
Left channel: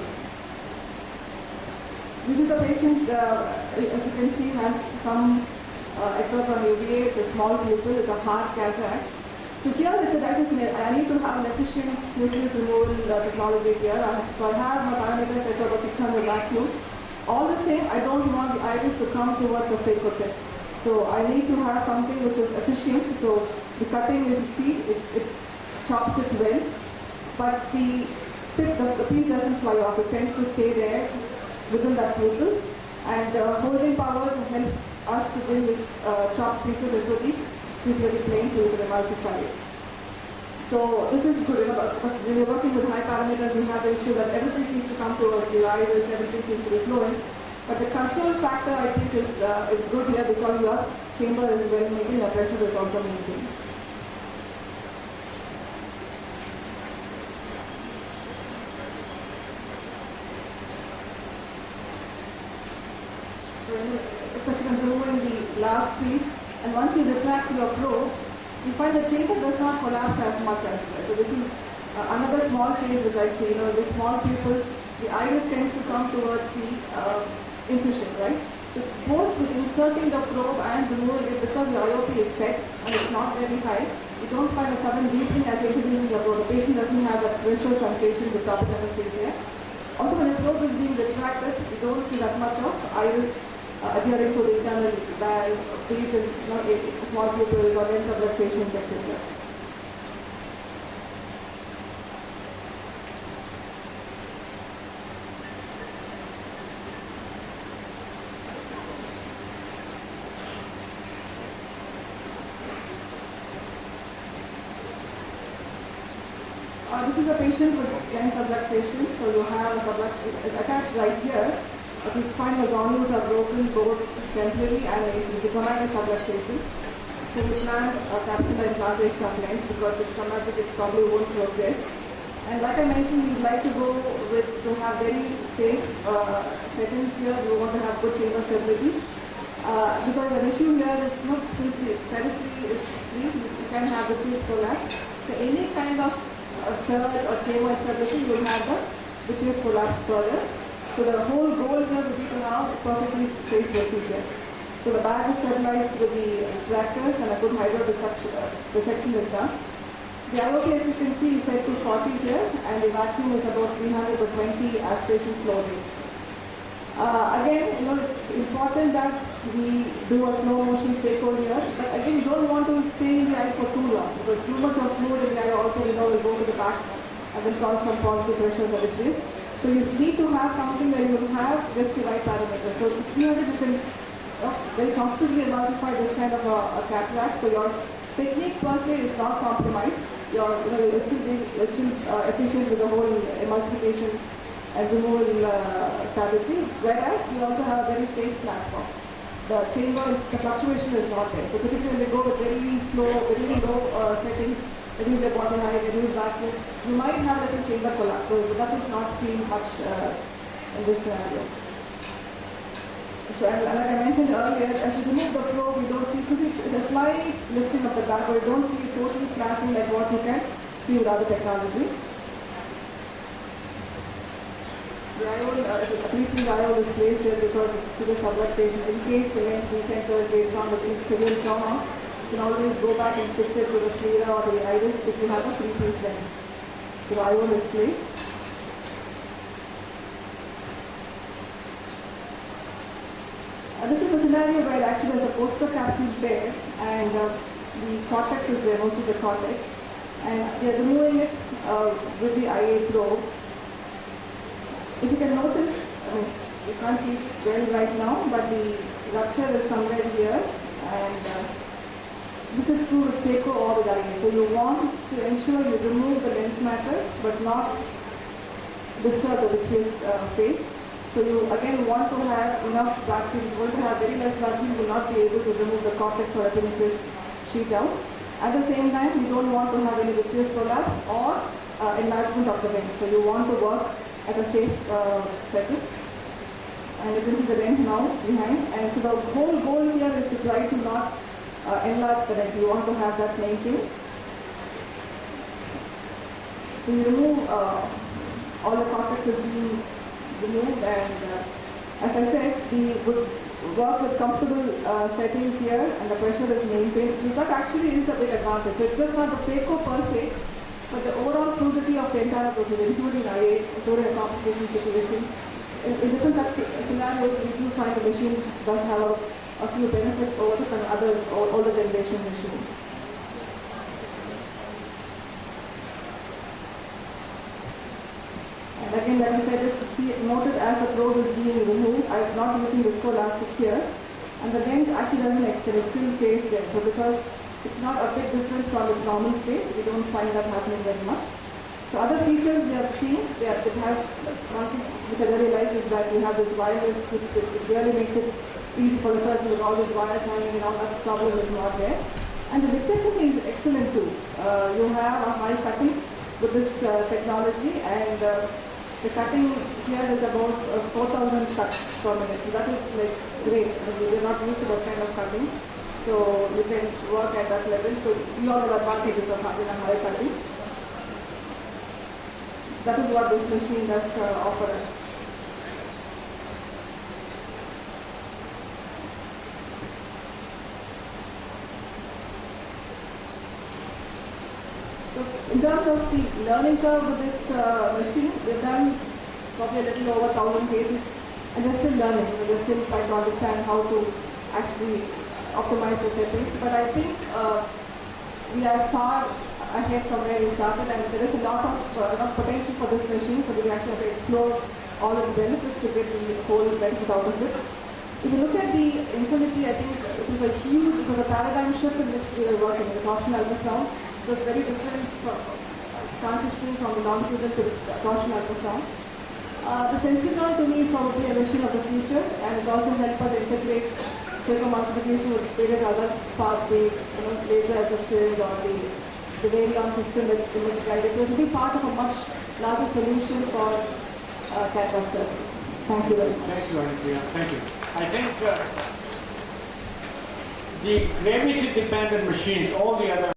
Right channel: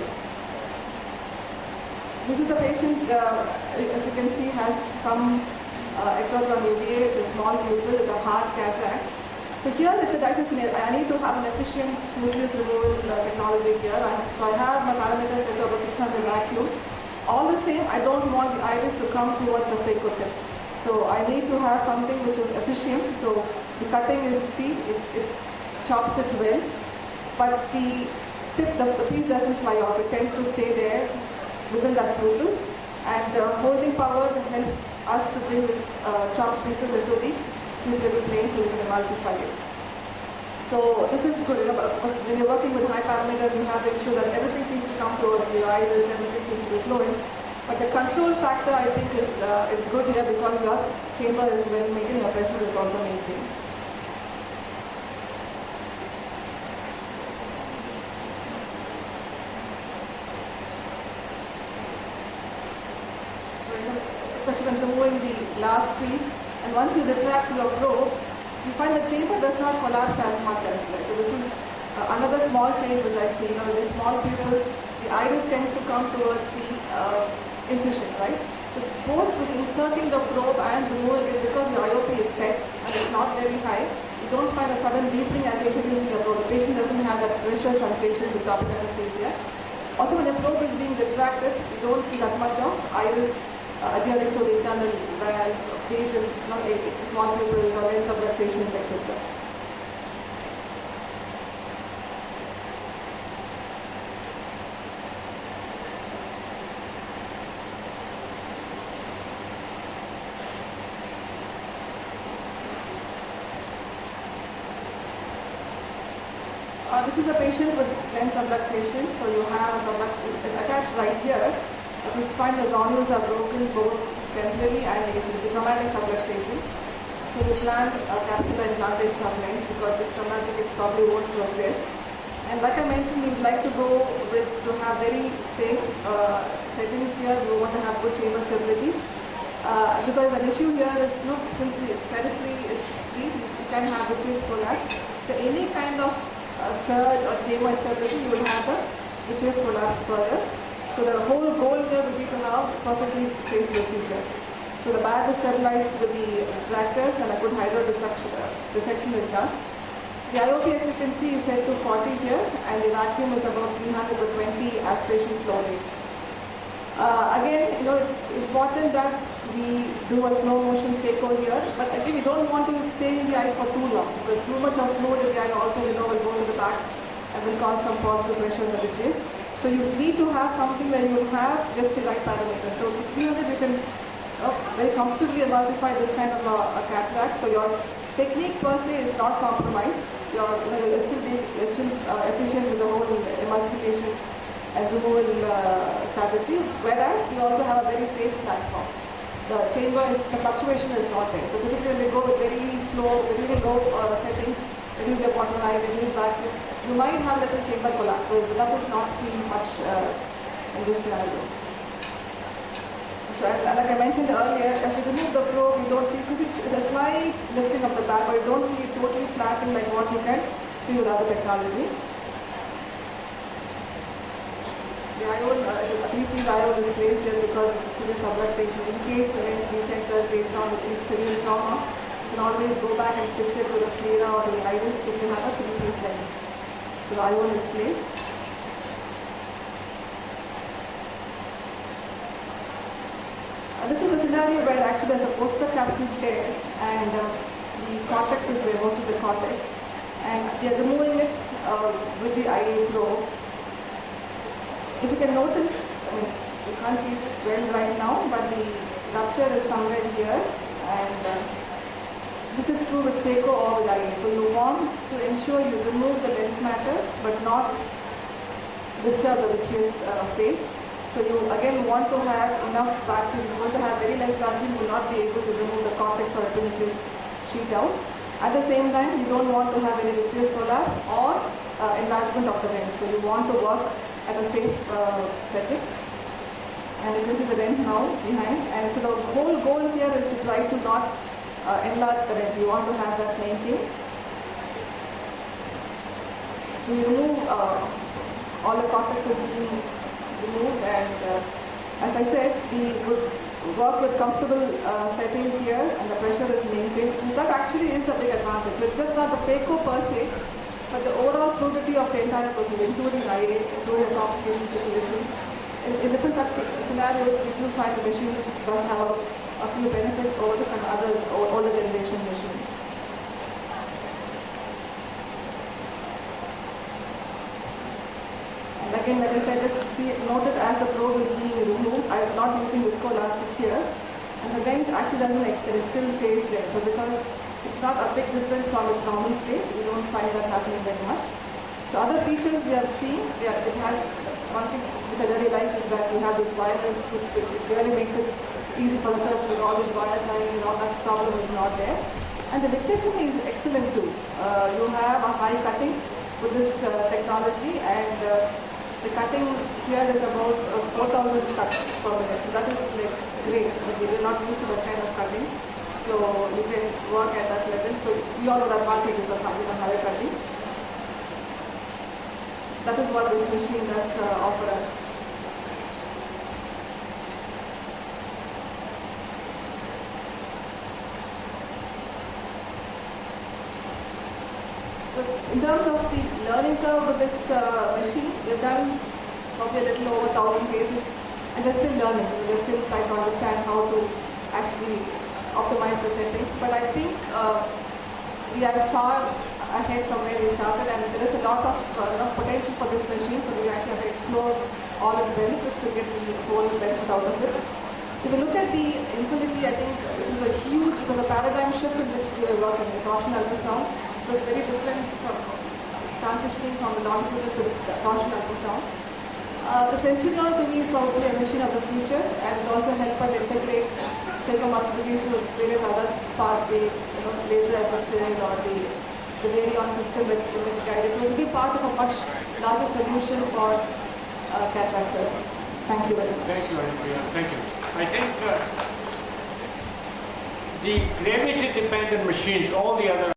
This is a patient, as you can see, has some ectodermal UVA, it's a small pupil, it's a hard cataract. So here it's a dialysis scenario. I need to have an efficient nucleus removal technology here. So I have my parameters set to about 600 vacuum. All the same, I don't want the iris to come towards the phaco tip. So I need to have something which is efficient. So the cutting, you see, it chops it well. But the tip, the piece doesn't fly off. It tends to stay there within that pupil. And the holding power helps us to deal with chopped pieces into the pupillary plane so we can emulsify it. So this is good. When you're working with high parameters, you have to ensure that everything seems to come towards the iris, everything seems to be flowing. But the control factor, I think, is good here because your chamber is well maintained, your pressure is also maintained. So, especially when removing the last piece, and once you retract your probe, you find the chamber does not collapse as much as well. So this is another small change which I see. The small pupils, the iris tends to come towards the incision, right? So both with inserting the probe and removing it, because the IOP is set and it's not very high, you don't find a sudden deepening as introducing the probe. The patient doesn't have that pressure sensation with topical anesthesia. Also, when the probe is being retracted, you don't see that much of iris adhering to the internal valve, be it in small pupils or length of luxations, etc. This is a patient with lens subluxation, so you have a subluxation, it's attached right here. His spinal granules are broken both temporarily and it's a traumatic subluxation. So you plan a capital implantation of lens because it's traumatic, it probably won't progress. And like I mentioned, we would like to go with to have very safe settings here. We want to have good chamber stability. Because an issue here is since the periphery is free, you can have a twist collapse. So any kind of surge or chamber stability, you will have the twist collapse further. So the whole goal here will be to have perfectly safe procedure. So the bag is stabilized with the retractors and a good dissection is done. The AIOC, as you can see, is set to 40 here and the vacuum is about 320 aspiration flow rate. Again, it's important that we do a slow motion phaco here, but again, you don't want to stay in the eye for too long because too much of fluid in the eye also, will go in the back and will cause some positive pressure in the vitreous. So you need to have something where you have just the right parameters. So 300 you can very comfortably emulsify this kind of a cataract. So your technique per se is not compromised. You're still efficient with the whole emulsification and removal strategy, whereas you also have a very safe platform. The fluctuation is not there. So typically they go with very slow, very low settings, reduce your bottom line, reduce vacuum. You might have a little chamber collapse, so that is not seen much in this scenario. So, and like I mentioned earlier, as you remove the probe, you don't see a slight lifting of the back, but you don't see it totally flattening like what you can see with other technology. The IOL, the IOL is placed here because it's severe subluxation. In case the lens decenters based on the severe trauma, you can always go back and fix it to the sclera or the iris if you have a 3-piece lens. So the IOL is placed. This is a scenario where actually there's a poster capsule there and the cortex is there, most of the cortex. And we are removing it with the IA probe. If you can notice, you can't see it well right now, but the rupture is somewhere here, and this is true with phaco or with IA. So you want to ensure you remove the lens matter, but not disturb the vitreous face. So you again want to have enough vacuum. You want to have very less vacuum, you will not be able to remove the cortex or epimetris sheet out. At the same time, you don't want to have any vitreous prolapse or enlargement of the lens. So you want to work at a safe setting. And this is the lens now behind. And so the whole goal here is to try to not enlarge the lens. You want to have that maintained. So you remove all the cortex is being removed, and as I said, we would work with comfortable settings here, and the pressure is maintained. That actually is a big advantage. So it's just not the phaco per se, but the overall fluidity of the entire procedure, including IA, including a complication situation. In different scenarios, we do find the machine does have a few benefits over some other older generation machines. And again, like I said, just notice as the probe is being removed, I am not using viscoelastic here, and the vent actually doesn't extend, it still stays there. So because it's not a big difference from its normal state, we don't find that happening very much. So other features we have seen, it has one thing which I really like is that we have this wireless switch, which really makes it easy for the surgeon with all these wires hanging and all that problem is not there. And the vitrectomy is excellent too. You have a high cutting with this technology, and the cutting here is about 4,000 cuts per minute. So that is like great. We are not used to that kind of cutting. So you can work at that level. So we all know the advantages of having a higher cutting. That is what this machine does offer us. So in terms of the learning curve with this machine, we've done probably a little over 1,000 cases and they're still learning. They're still trying to understand how to actually optimize the settings. But I think we are far ahead from where we started, and there is a lot of potential for this machine. So we actually have to explore all of the benefits to get the whole benefit out of it. If you look at the Infinity, I think it was a paradigm shift in which we were working. The torsion ultrasound was very different from transitioning from the longitudinal to the torsion ultrasound. The Sentinel to me is probably a machine of the future, and it also helps us integrate circumambulation with various other parts, the laser assisted or the Varion system with image guided. So it will be part of a much larger solution for cataract surgery. Thank you very much. Thank you, Anupriya. Thank you. I think the gravity-dependent machines, all the other